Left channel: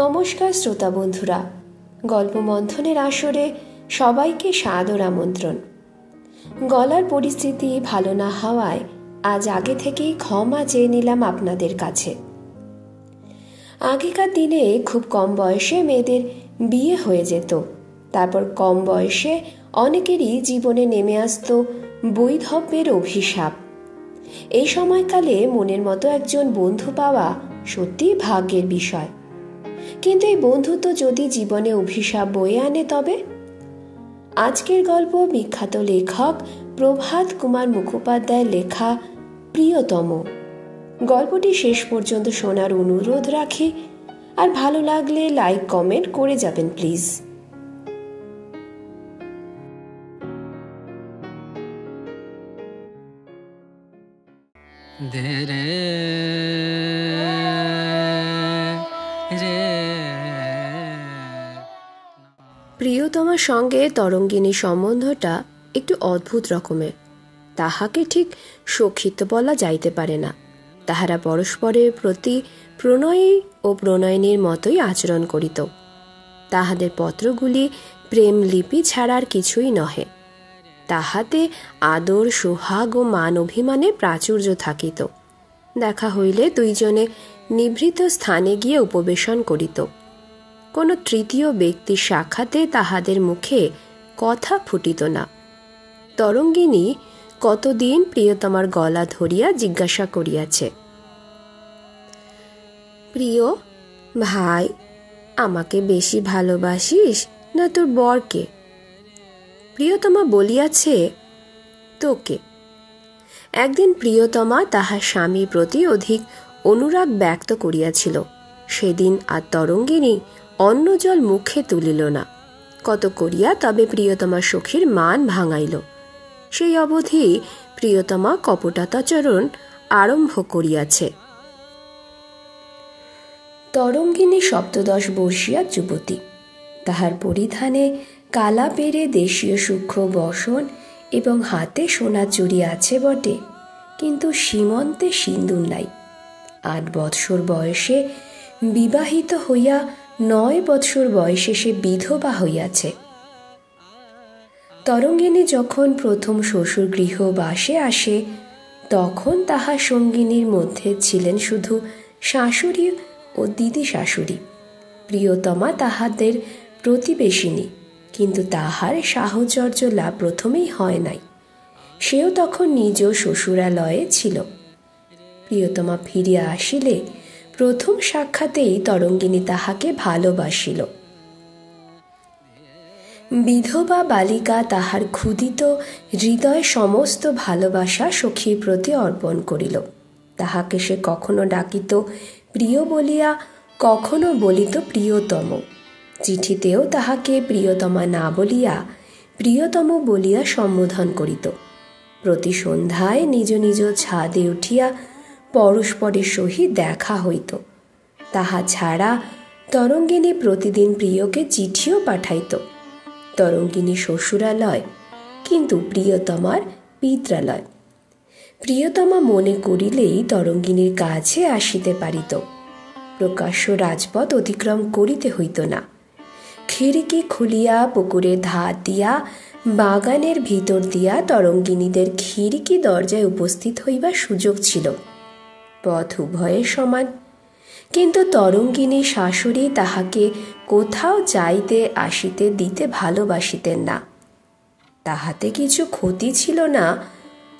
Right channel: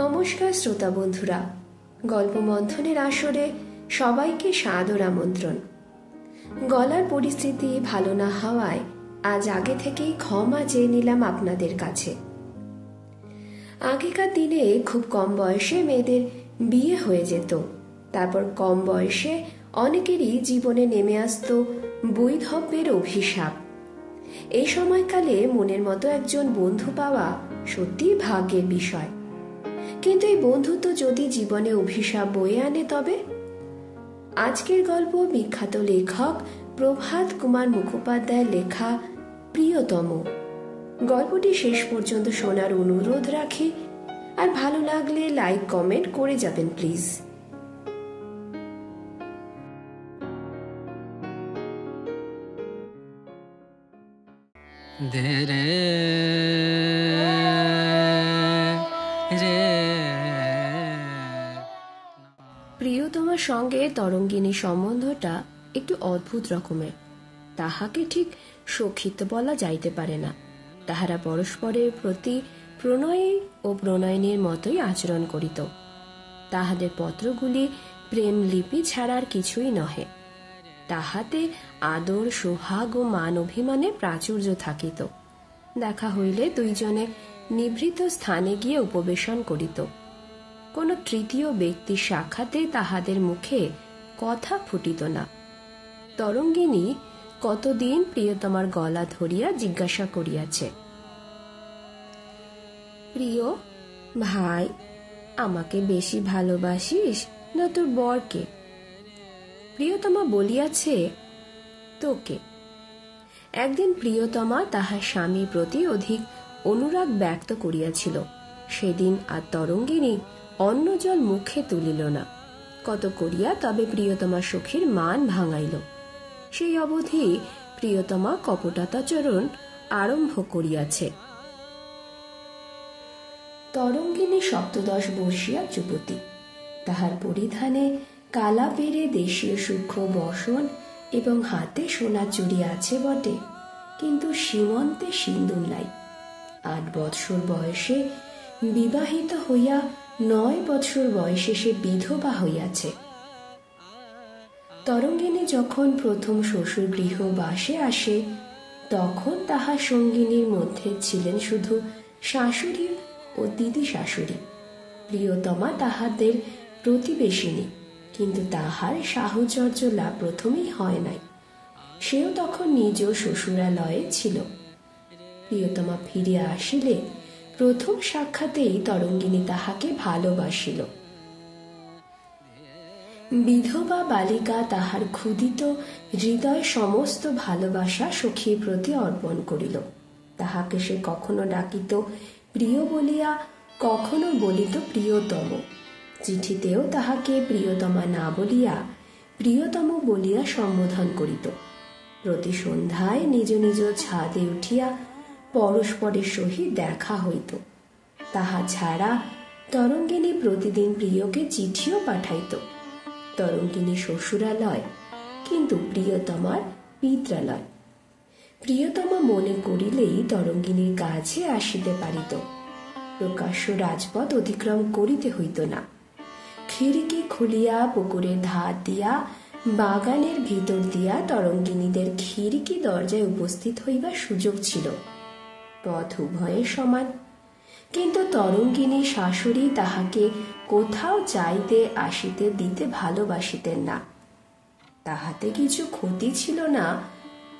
নমস্কার শ্রোতা বন্ধুরা, গল্প মন্থনের আসরে সবাইকে সাদর আমন্ত্রণ। গলার পরিস্থিতি ভালো না হওয়ায় আজ আগে থেকেই ক্ষমা চেয়ে নিলাম আপনাদের কাছে। আগেকার দিনে খুব কম বয়সে মেয়েদের বিয়ে হয়ে যেত, তারপর কম বয়সে অনেকেরই জীবনে নেমে আসতো বৈধব্যের অভিশাপ। এই সময়কালে মনের মতো একজন বন্ধু পাওয়া সত্যি ভাগ্যের বিষয়। কিন্তু এই বন্ধুত্ব যদি জীবনে অভিশাপ বয়ে আনে তবে? আজকের গল্প বিখ্যাত লেখক প্রভাত কুমার মুখোপাধ্যায়ের লেখা প্রিয়তম। গল্পটি শেষ পর্যন্ত শোনার অনুরোধ রাখি, আর ভালো লাগলে লাইক কমেন্ট করে যাবেন প্লিজ। প্রিয়তমার সঙ্গে তরঙ্গিনীর সম্বন্ধটা একটু অদ্ভুত রকমের। তাহাকে ঠিক সখিত্ব বলা যাইতে পারে না। তাহারা পরস্পরের প্রতি প্রণয়ী ও প্রণয়িনীর মতোই আচরণ করিত। তাহাদের পত্রগুলি প্রেম লিপি ছাড়ার কিছুই নহে। তাহাতে আদর, সোহাগ ও মান অভিমানে প্রাচুর্য থাকিত। দেখা হইলে দুইজনে নিভৃত স্থানে গিয়ে উপবেশন করিত। কোনো তৃতীয় ব্যক্তির সাক্ষাতে তাহাদের মুখে কথা ফুটিত না। তরঙ্গিনী কতদিন প্রিয়তমার গলা ধরিয়া জিজ্ঞাসা করিয়াছে, প্রিয় ভাই, আমাকে বেশি ভালোবাসিস না তোর বরকে? প্রিয়তমা বলিয়াছে, তোকে। একদিন প্রিয়তমা তাহার স্বামীর প্রতি অধিক অনুরাগ ব্যক্ত করিয়াছিল। সেদিন আর তরঙ্গিনী অন্ন জল মুখে তুলিল না। কত করিয়া তবে প্রিয়তমার সখীর মান ভাঙাইল। সেই অবধি প্রিয়তমা কপটাচারণ আরম্ভ করিয়াছে। তরঙ্গিনী 17 বর্ষীয়া যুবতী। তাহার পরিধানে কালা পেরে দেশীয় সূক্ষ্ম বসন এবং হাতে সোনার চুড়ি আছে বটে, কিন্তু সীমন্তে সিন্দুর নাই। 8 বৎসর বয়সে বিবাহিত হইয়া 9 বৎসর বয়সে সে বিধবা হইয়াছে। তরঙ্গিনী যখন প্রথম শ্বশুর গৃহ বাসে আসে, তখন তাহার সঙ্গিনীর মধ্যে ছিলেন শুধু শাশুড়ি ও দিদি শাশুড়ি। প্রিয়তমা তাহাদের প্রতিবেশিনী, কিন্তু তাহার সাহচর্য লাভ প্রথমেই হয় নাই। সেও তখন নিজ শ্বশুরালয়ে ছিল। প্রিয়তমা ফিরিয়া আসিলে প্রথম সাক্ষাতেই তরঙ্গিনী তাহাকে ভালোবাসিল। বিধবা বালিকা তাহার ক্ষুধিত হৃদয় সমস্ত ভালোবাসা সখীর প্রতি অর্পণ করিল। তাহাকে সে কখনো ডাকিত প্রিয় বলিয়া, কখনো বলিত প্রিয়তম। চিঠিতেও তাহাকে প্রিয়তমা না বলিয়া প্রিয়তম বলিয়া সম্বোধন করিত। প্রতি সন্ধ্যায় নিজ নিজ ছাদে উঠিয়া পরস্পরের সহিত দেখা হইত। তাহা ছাড়া তরঙ্গিনী প্রতিদিন প্রিয়কে চিঠিও পাঠাইত। তরঙ্গিনী শ্বশুরালয়, কিন্তু প্রিয়তমার পিত্রালয়। প্রিয়তমা মনে করিলেই তরঙ্গিনীর কাছে আসিতে পারিত। প্রকাশ্য রাজপথ অতিক্রম করিতে হইত না। খিড়কি খুলিয়া পুকুরের ধার দিয়া, বাগানের ভিতর দিয়া তরঙ্গিনীদের খিড়কি দরজায় উপস্থিত হইবার সুযোগ ছিল। পথ উভয়ের সমান, কিন্তু তরঙ্গিনী শাশুড়ি তাহাকে কোথাও যাইতে আসিতে দিতে ভালোবাসিতেন না। তাহাতে কিছু ক্ষতি ছিল না।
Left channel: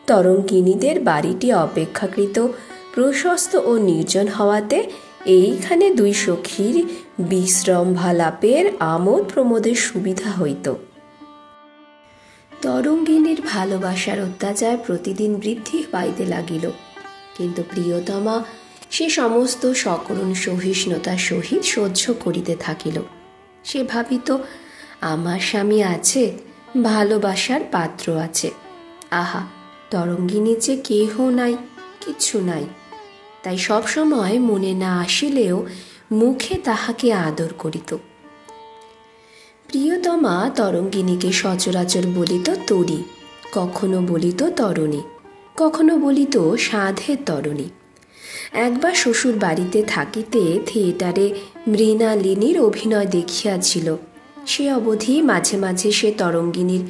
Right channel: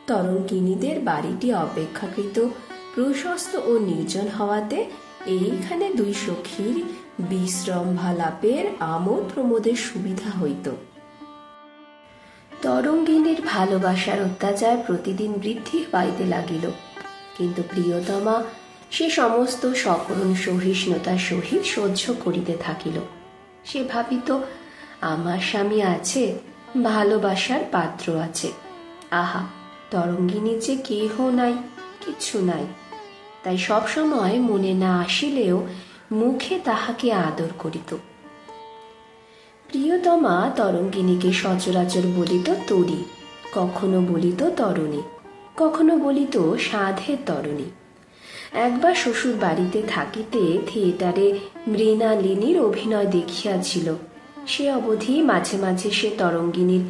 তরঙ্গিনীদের বাড়িটি অপেক্ষাকৃত প্রশস্ত ও নির্জন হওয়াতে এইখানে দুই সখীর বিশ্রম্ভালাপের আমোদ প্রমোদের সুবিধা হইত। তরঙ্গিনীর ভালোবাসার অত্যাচার প্রতিদিন বৃদ্ধি পাইতে লাগিল, কিন্তু প্রিয়তমা সে সমস্ত সকরুণ সহিষ্ণুতার সহিত সহ্য করিতে থাকিল। সে ভাবিত, আমার স্বামী আছে, ভালোবাসার পাত্র আছে। আহা, তরঙ্গিনীর যে কেহ নাই, কিছু নাই। তাই সবসময় মনে না আসিলেও মুখে তাহাকে আদর করিত। প্রিয়তমা তরঙ্গিনীকে সচরাচর বলিত তরী, কখনো বলিত তরণী, কখনো বলিত সাধের তরণী। একবার শ্বশুর বাড়িতে থাকিতে থিয়েটারে মৃণালিনীর অভিনয় দেখিয়াছিল। সে অবধি মাঝে মাঝে সে তরঙ্গিনীর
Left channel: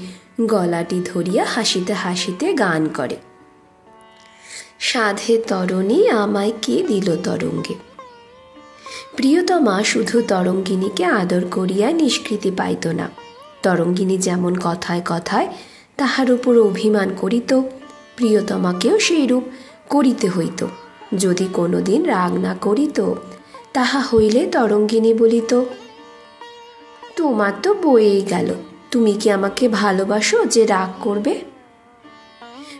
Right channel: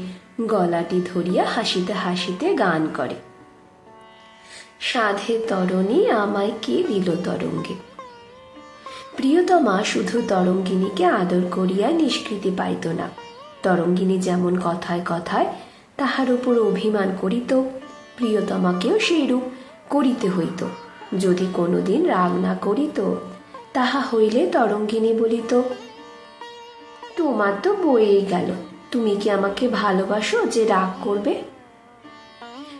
গলাটি ধরিয়া হাসিতে হাসিতে গান করে, সাধে তরণী আমায় কে দিল তরঙ্গে। প্রিয়তমা শুধু তরঙ্গিনীকে আদর করিয়া নিষ্কৃতি পাইত না, তরঙ্গিনী যেমন কথায় কথায় তাহার উপর অভিমান করিত, প্রিয়তমাকেও সেইরূপ করিতে হইত। যদি কোনোদিন রাগ না করিত, তাহা হইলে তরঙ্গিনী বলিত, তোমার তো বয়ে গেল, তুমি কি আমাকে ভালোবাসো যে রাগ করবে?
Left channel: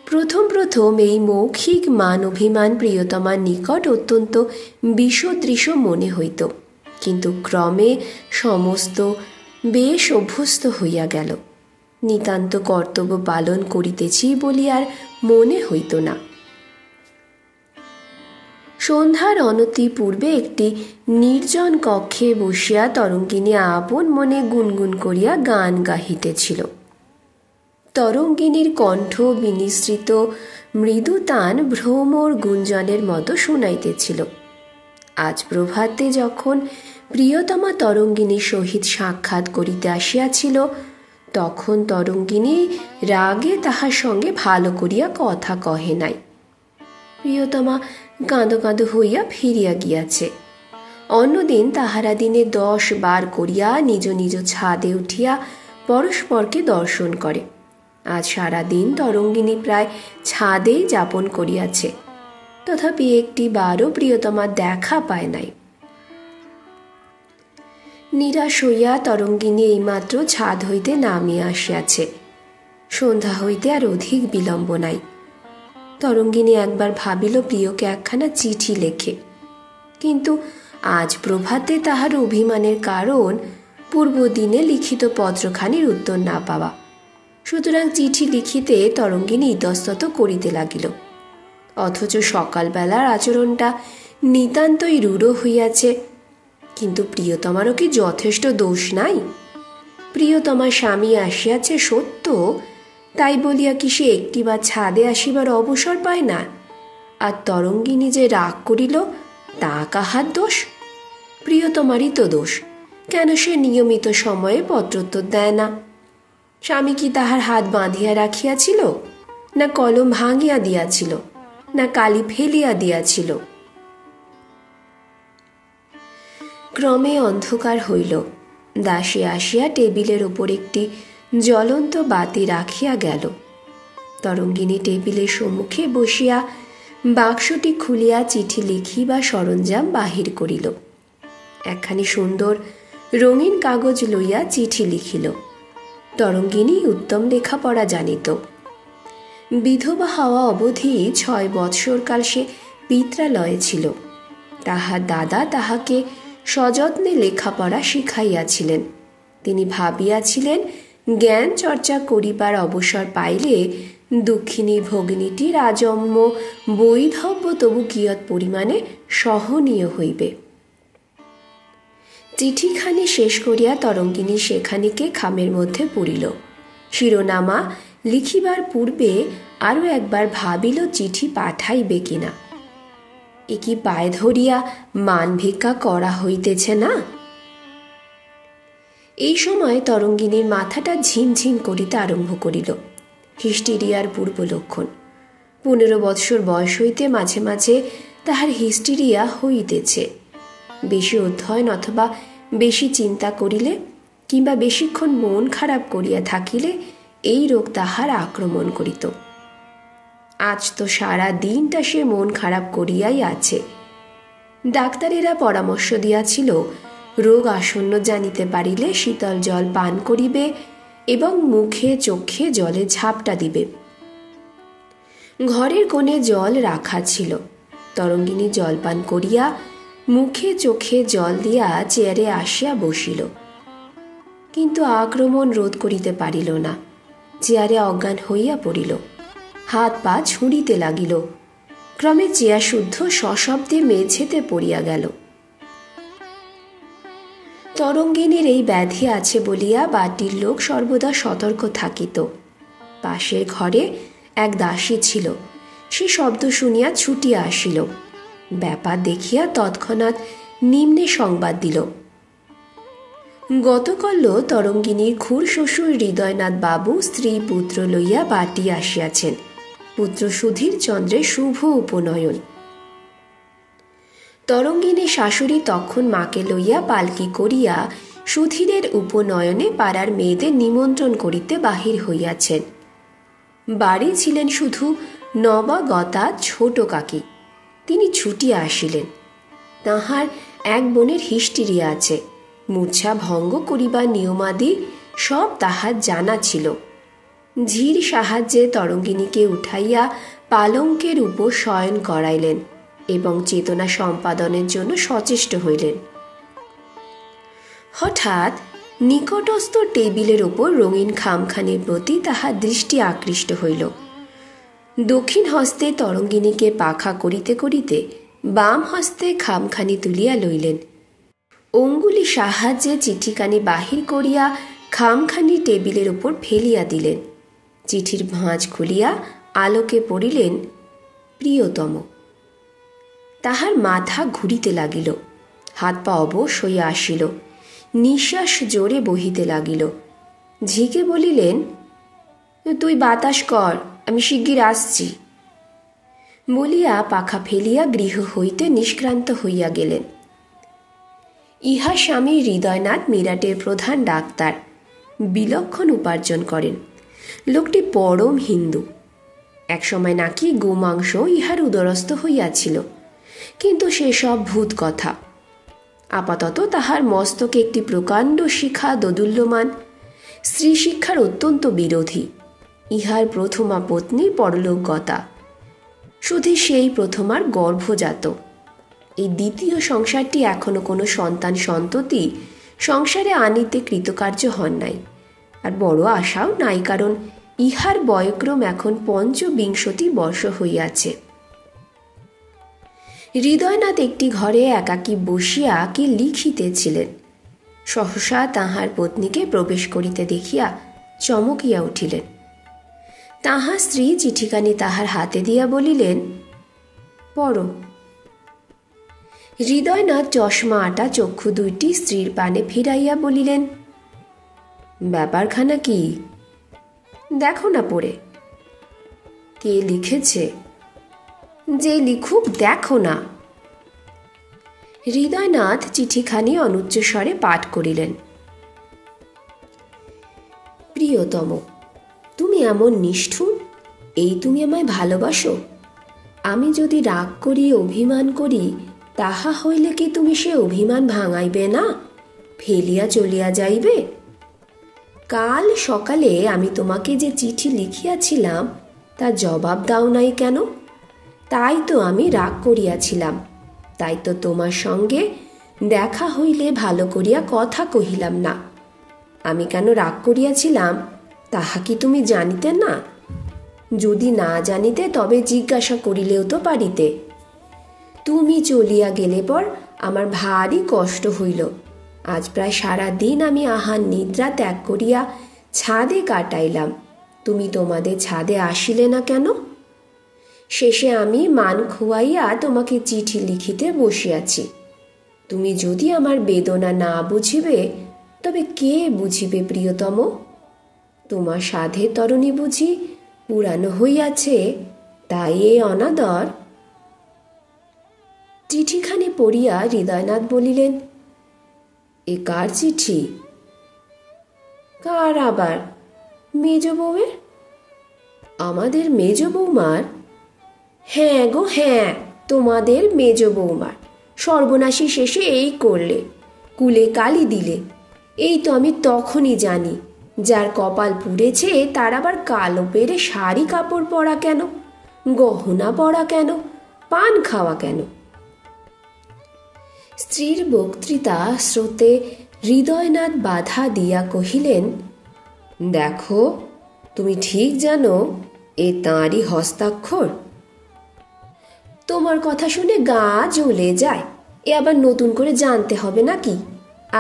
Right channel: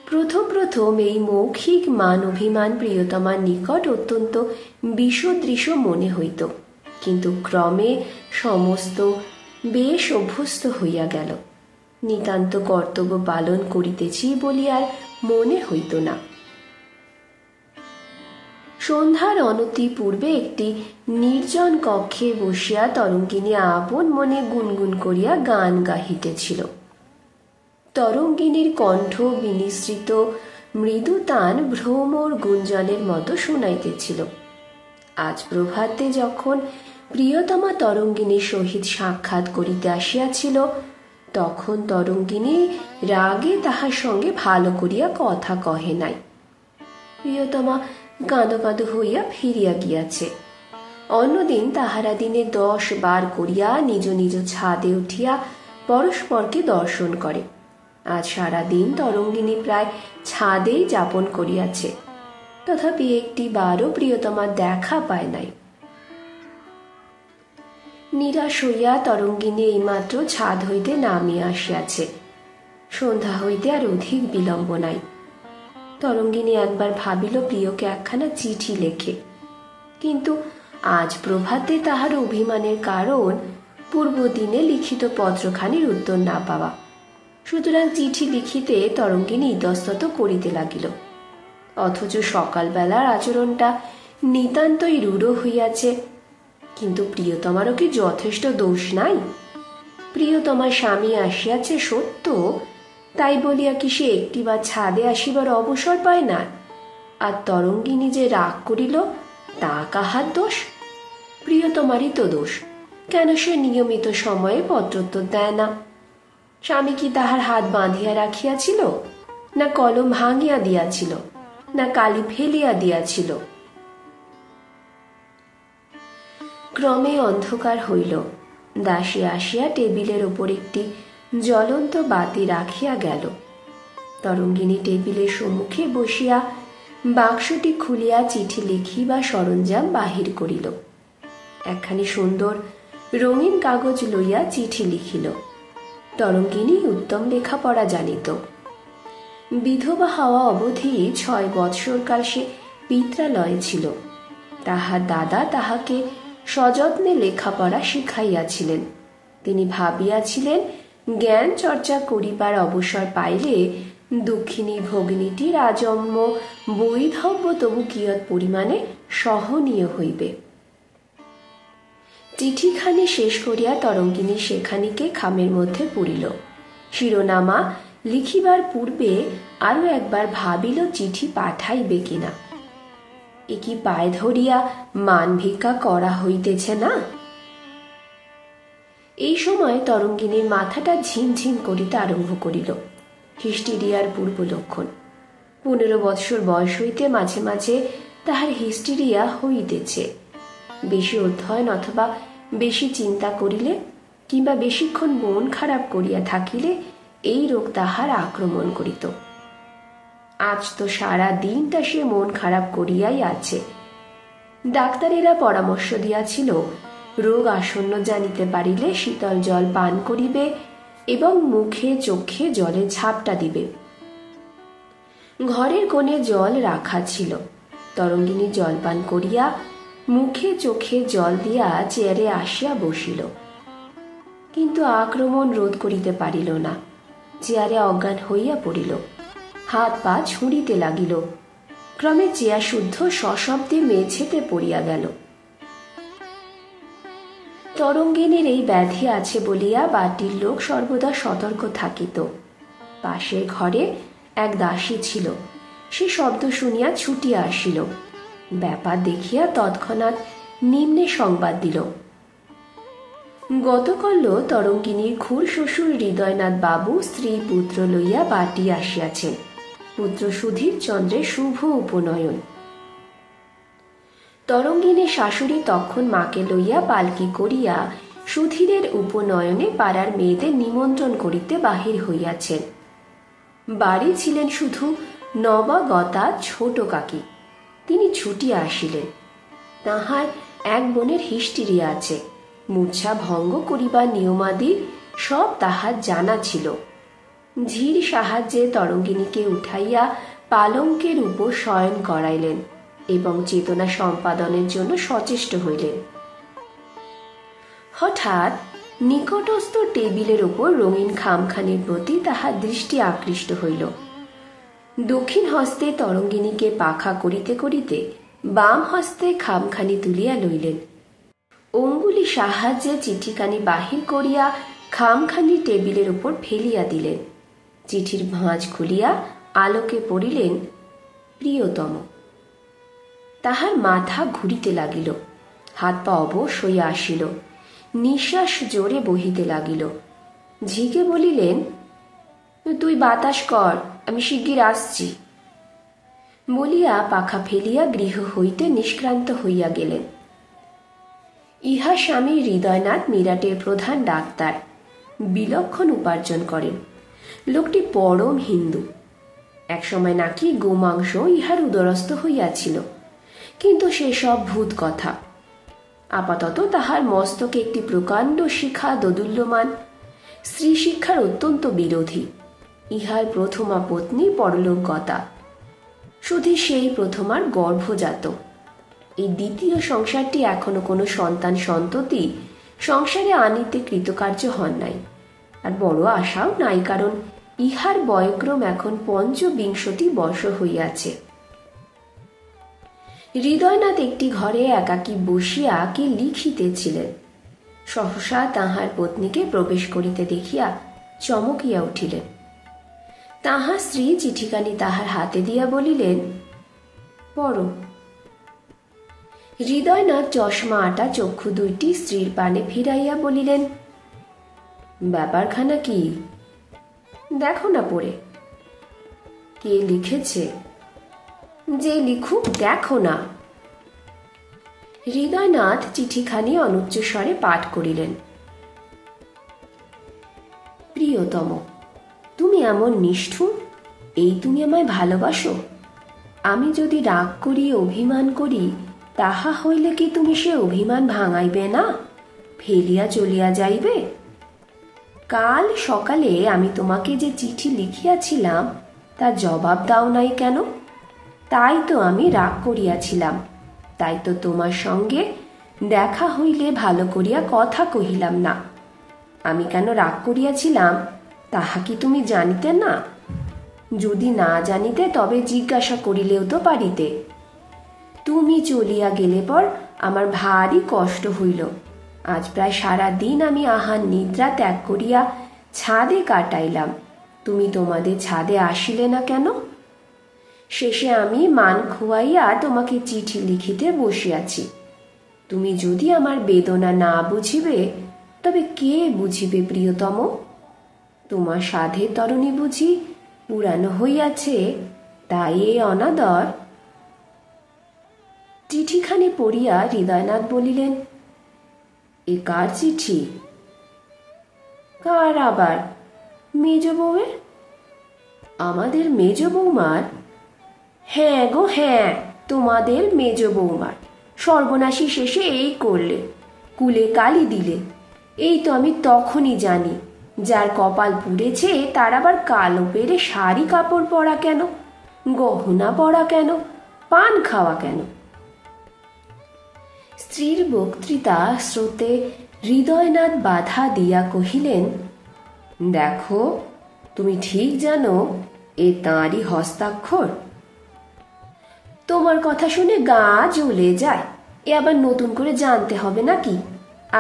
প্রথম প্রথম এই মৌখিক মান অভিমান প্রিয়তমার নিকট অত্যন্ত বিষদৃশ্য মনে হইত, কিন্তু ক্রমে সমস্ত বেশ অভ্যস্ত হইয়া গেল। নিতান্ত কর্তব্য পালন করিতেছি বলি আর মনে হইত না। সন্ধ্যার অনতি পূর্বে একটি নির্জন কক্ষে বসিয়া তরঙ্গিনী আপন মনে গুনগুন করিয়া গান গাহিতেছিল। তরঙ্গিনীর কণ্ঠ বিনিসৃত মৃদু তান ভ্রমর গুঞ্জনের মতো শুনাইতেছিল। আজ প্রভাতে যখন প্রিয়তমা তরঙ্গিনীর সহিত সাক্ষাৎ করিতে আসিয়াছিল, তখন তরঙ্গিনী রাগে তাহার সঙ্গে ভালো করিয়া কথা কহে নাই। প্রিয়তমা কাঁদো কাঁদো হইয়া ফিরিয়া গিয়াছে। অন্যদিন তাহারা দিনে 10 বার করিয়া নিজ নিজ ছাদে উঠিয়া পরস্পরকে দর্শন করে। আজ সারাদিন তরঙ্গিনী প্রায় ছাদেই যাপন করিয়াছে, তথাপি একটি বারও প্রিয়তমার দেখা পায় নাই। নিরাশ হইয়া তরঙ্গিনী এইমাত্র ছাদ হইতে নামিয়া আসিয়াছে। সন্ধ্যা হইতে আর অধিক বিলম্ব নাই। তরঙ্গিনী একবার ভাবিল প্রিয়কে একখানা চিঠি লেখে, কিন্তু আজ প্রভাতে তাহার অভিমানের কারণ পূর্বদিনে লিখিত পত্রখানির উত্তর না পাওয়া। সুতরাং চিঠি লিখিতে তরঙ্গিনী ইতস্তত করিতে লাগিল। অথচ সকালবেলার আচরণটা নিতান্তই রূঢ় হইয়াছে। কিন্তু প্রিয়তমারও কি যথেষ্ট দোষ নাই? প্রিয়তমার স্বামী আসিয়াছে সত্য, তাই বলিয়া কি সে একটিবার ছাদে আসিবার অবসর পায় না? আর তরঙ্গিনী যে রাগ করিল, তা কাহার দোষ? প্রিয়তমারই তো দোষ। কেন সে নিয়মিত সময়ে পত্রোত্তর দেয় না? স্বামী কি তাহার হাত বাঁধিয়া রাখিয়াছিল, না কলম ভাঙিয়া দিয়াছিল, না কালি ফেলিয়া দিয়াছিল? ক্রমে অন্ধকার হইল। দাসী আসিয়া টেবিলের ওপর একটি জ্বলন্ত বাতি রাখিয়া গেল। তরঙ্গিনী টেবিলের সম্মুখে বসিয়া বাক্সটি খুলিয়া চিঠি লিখিবা সরঞ্জাম বাহির করিল। একখানি সুন্দর রঙিন কাগজ লইয়া চিঠি লিখিল। তরঙ্গিনী উত্তম লেখাপড়া জানিত। বিধবা হওয়া অবধি 6 বৎসরকাল সে পিত্রালয়ে ছিল। তাহার দাদা তাহাকে সযত্নে লেখাপড়া শিখাইয়াছিলেন। তিনি ভাবিয়াছিলেন জ্ঞান চর্চা করিবার অবসর পাইলে দুঃখিনী ভগিনীটির আজন্ম বৈধব্য তবু কিয়ৎ পরিমাণে সহনীয় হইবে। চিঠিখানি শেষ করিয়া তরঙ্গিনী সেখানিকে খামের মধ্যে পুরিল। শিরোনামা লিখিবার পূর্বে আরো একবার ভাবিল চিঠি পাঠাইবে কিনা। এ কি পায়ে ধরিয়া মান ভিক্ষা করা হইতেছে না? এই সময় তরঙ্গিনীর মাথাটা ঝিমঝিম করিতে আরম্ভ করিল। হিস্টিরিয়ার পূর্ব লক্ষণ। 15 বৎসর বয়স হইতে মাঝে মাঝে তাহার হিস্টিরিয়া হইতেছে। বেশি অধ্যয়ন অথবা বেশি চিন্তা করিলে কিংবা বেশিক্ষণ মন খারাপ করিয়া থাকিলে এই রোগ তাহার আক্রমণ করিত। আজ তো সারা দিনটা সে মন খারাপ করিয়াই আছে। ডাক্তারেরা পরামর্শ দিয়াছিল রোগ আসন্ন জানিতে পারিলে শীতল জল পান করিবে এবং মুখে চোখে জলে ঝাপটা দিবে। ঘরের কোণে জল রাখা ছিল। তরঙ্গিনী জল পান করিয়া মুখে চোখে জল দিয়া চেয়ারে আসিয়া বসিল, কিন্তু আক্রমণ রোধ করিতে পারিল না। চেয়ারে অজ্ঞান হইয়া পড়িল, হাত পা ছুঁড়িতে লাগিল। ক্রমে চেয়ার শুদ্ধ সশব্দে মেঝেতে পড়িয়া গেল। তরঙ্গিনীর এই ব্যাধি আছে বলিয়া বাটির লোক সর্বদা সতর্ক থাকিত। পাশের ঘরে এক দাসী ছিল। সে শব্দ শুনিয়া ছুটিয়া আসিল। ব্যাপার দেখিয়া তৎক্ষণাৎ নিম্নে সংবাদ দিল। গতকাল তরঙ্গিনীর খুড় শ্বশুর হৃদয়নাথ বাবু স্ত্রী পুত্র লইয়া বাটি আসিয়াছেন। পুত্র সুধীর চন্দ্রের শুভ উপনয়ন। তরঙ্গিনীর শাশুড়ি তখন মাকে লইয়া পালকি করিয়া সুধীরের উপনয়নে পাড়ার মেয়েদের নিমন্ত্রণ করিতে বাহির হইয়াছেন। বাড়ি ছিলেন শুধু নবাগতা ছোট কাকি। তিনি ছুটিয়া আসিলেন। তাহার এক বোনের হিস্টিরিয়া আছে। মূর্ছা ভঙ্গ করিবার নিয়মাদি সব তাহার জানা ছিল। ঝির সাহায্যে তরঙ্গিনীকে উঠাইয়া পালঙ্কের উপর শয়ন করাইলেন এবং চেতনা সম্পাদনের জন্য সচেষ্ট হইলেন। হঠাৎ নিকটস্থ টেবিলের উপর রঙিন খামখানির প্রতি তাহার দৃষ্টি আকৃষ্ট হইল। দক্ষিণ হস্তে তরঙ্গিনীকে পাখা করিতে করিতে বাম হস্তে খামখানি তুলিয়া লইলেন। অঙ্গুলি সাহায্যে চিঠিখানি বাহির করিয়া খামখানি টেবিলের উপর ফেলিয়া দিলেন। চিঠির ভাঁজ খুলিয়া আলোকে পড়িলেন, প্রিয়তম। তাহার মাথা ঘুরিতে লাগিল, হাত পা অবশ হইয়া আসিল, নিঃশ্বাস জোরে বহিতে লাগিল। ঝিকে বলিলেন, তুই বাতাস কর, আমি শিগগির আসছি বলিয়া পাখা ফেলিয়া গৃহ হইতে নিষ্ক্রান্ত হইয়া গেলেন। ইহা স্বামী হৃদয়নাথ মিরাটের প্রধান ডাক্তার, বিলক্ষণ উপার্জন করেন। লোকটি পরম হিন্দু। একসময় নাকি গোমাংস ইহার উদরস্থ হইয়াছিল, কিন্তু সেসব ভূত কথা। আপাতত তাহার মস্তকে একটি প্রকাণ্ড শিখা দোদুল্যমান। স্ত্রী শিক্ষার অত্যন্ত বিরোধী। ইহার প্রথমা পত্নী পরলোকগতা। শুধু সেই প্রথমার গর্ভজাত। এই দ্বিতীয় সংসারটি এখনো কোনো সন্তান সন্ততি সংসারে আনিতে কৃতকার্য হন নাই, আর বড় আশাও নাই, কারণ ইহার বয়ক্রম এখন ৫৫ বর্ষ হইয়াছে। হৃদয়নাথ একটি ঘরে একাকী বসিয়া কি লিখিতেছিলেন। সহসা তাহার পত্নীকে প্রবেশ করিতে দেখিয়া চমকিয়া উঠিলেন। তাহার স্ত্রী চিঠিখানি তাহার হাতে দিয়া বলিলেন, পড়ো। হৃদয়নাথ চশমা আটা চক্ষু দুইটি স্ত্রীর পানে ফিরাইয়া বলিলেন, ব্যাপারখানা কি? দেখো না পড়ে। কে লিখেছে? যে লিখুক, দেখো না। হৃদয়নাথ চিঠিখানি অনুচ্চ স্বরে পাঠ করিলেন। প্রিয়তম, তুমি এমন নিষ্ঠুর? এই তুমি আমায় ভালোবাসো? আমি যদি রাগ করি, অভিমান করি, তাহা হইলে কি তুমি সে অভিমান ভাঙাইবে না, ফেলিয়া চলিয়া যাইবে? কাল সকালে আমি তোমাকে যে চিঠি লিখিয়াছিলাম তা জবাব দাও নাই কেন? তাই তো আমি রাগ করিয়াছিলাম। তাই তো তোমার সঙ্গে দেখা হইলে ভালো করিয়া কথা কহিলাম না। আমি কেন রাগ করিয়াছিলাম তাহা কি তুমি জানিতে না? যদি না জানিতে তবে জিজ্ঞাসা করিলেও তো পারিতে। তুমি চলিয়া গেলে পর আমার ভারী কষ্ট হইল। আজ প্রায় সারা দিন আমি আহার নিদ্রা ত্যাগ করিয়া ছাদে কাটাইলাম। তুমি তোমাদের ছাদে আসিলে না কেন? শেষে আমি মান খুয়াইয়া তোমাকে চিঠি লিখিতে বসিয়াছি। তুমি যদি আমার বেদনা না বুঝিবে তবে কে বুঝিবে প্রিয়তম? তোমার সাধের তরণী বুঝি পুরানো হইয়াছে, তাই এ অনাদর। চিঠিখানি পড়িয়া হৃদয়নাথ বলিলেন, এ কার চিঠি? কার আবার? মেজ বউয়ের। আমাদের মেজ বৌমার? হ্যাঁ গো হ্যাঁ, তোমাদের মেজ বৌমার। সর্বনাশী শেষে এই করলে, কুলে কালি দিলে। এই তো আমি তখনই জানি, যার কপাল পুড়েছে তার আবার কালো পেরে শাড়ি কাপড় পরা কেন, গহনা পরা কেন, পান খাওয়া কেন? স্ত্রীর বক্তৃতা স্রোতে হৃদয়নাথ বাধা দিয়া কহিলেন, দেখো, তুমি ঠিক জানো এ তাঁরই হস্তাক্ষর। তোমার কথা শুনে গা জ্বলে যায়। এ আবার নতুন করে জানতে হবে নাকি?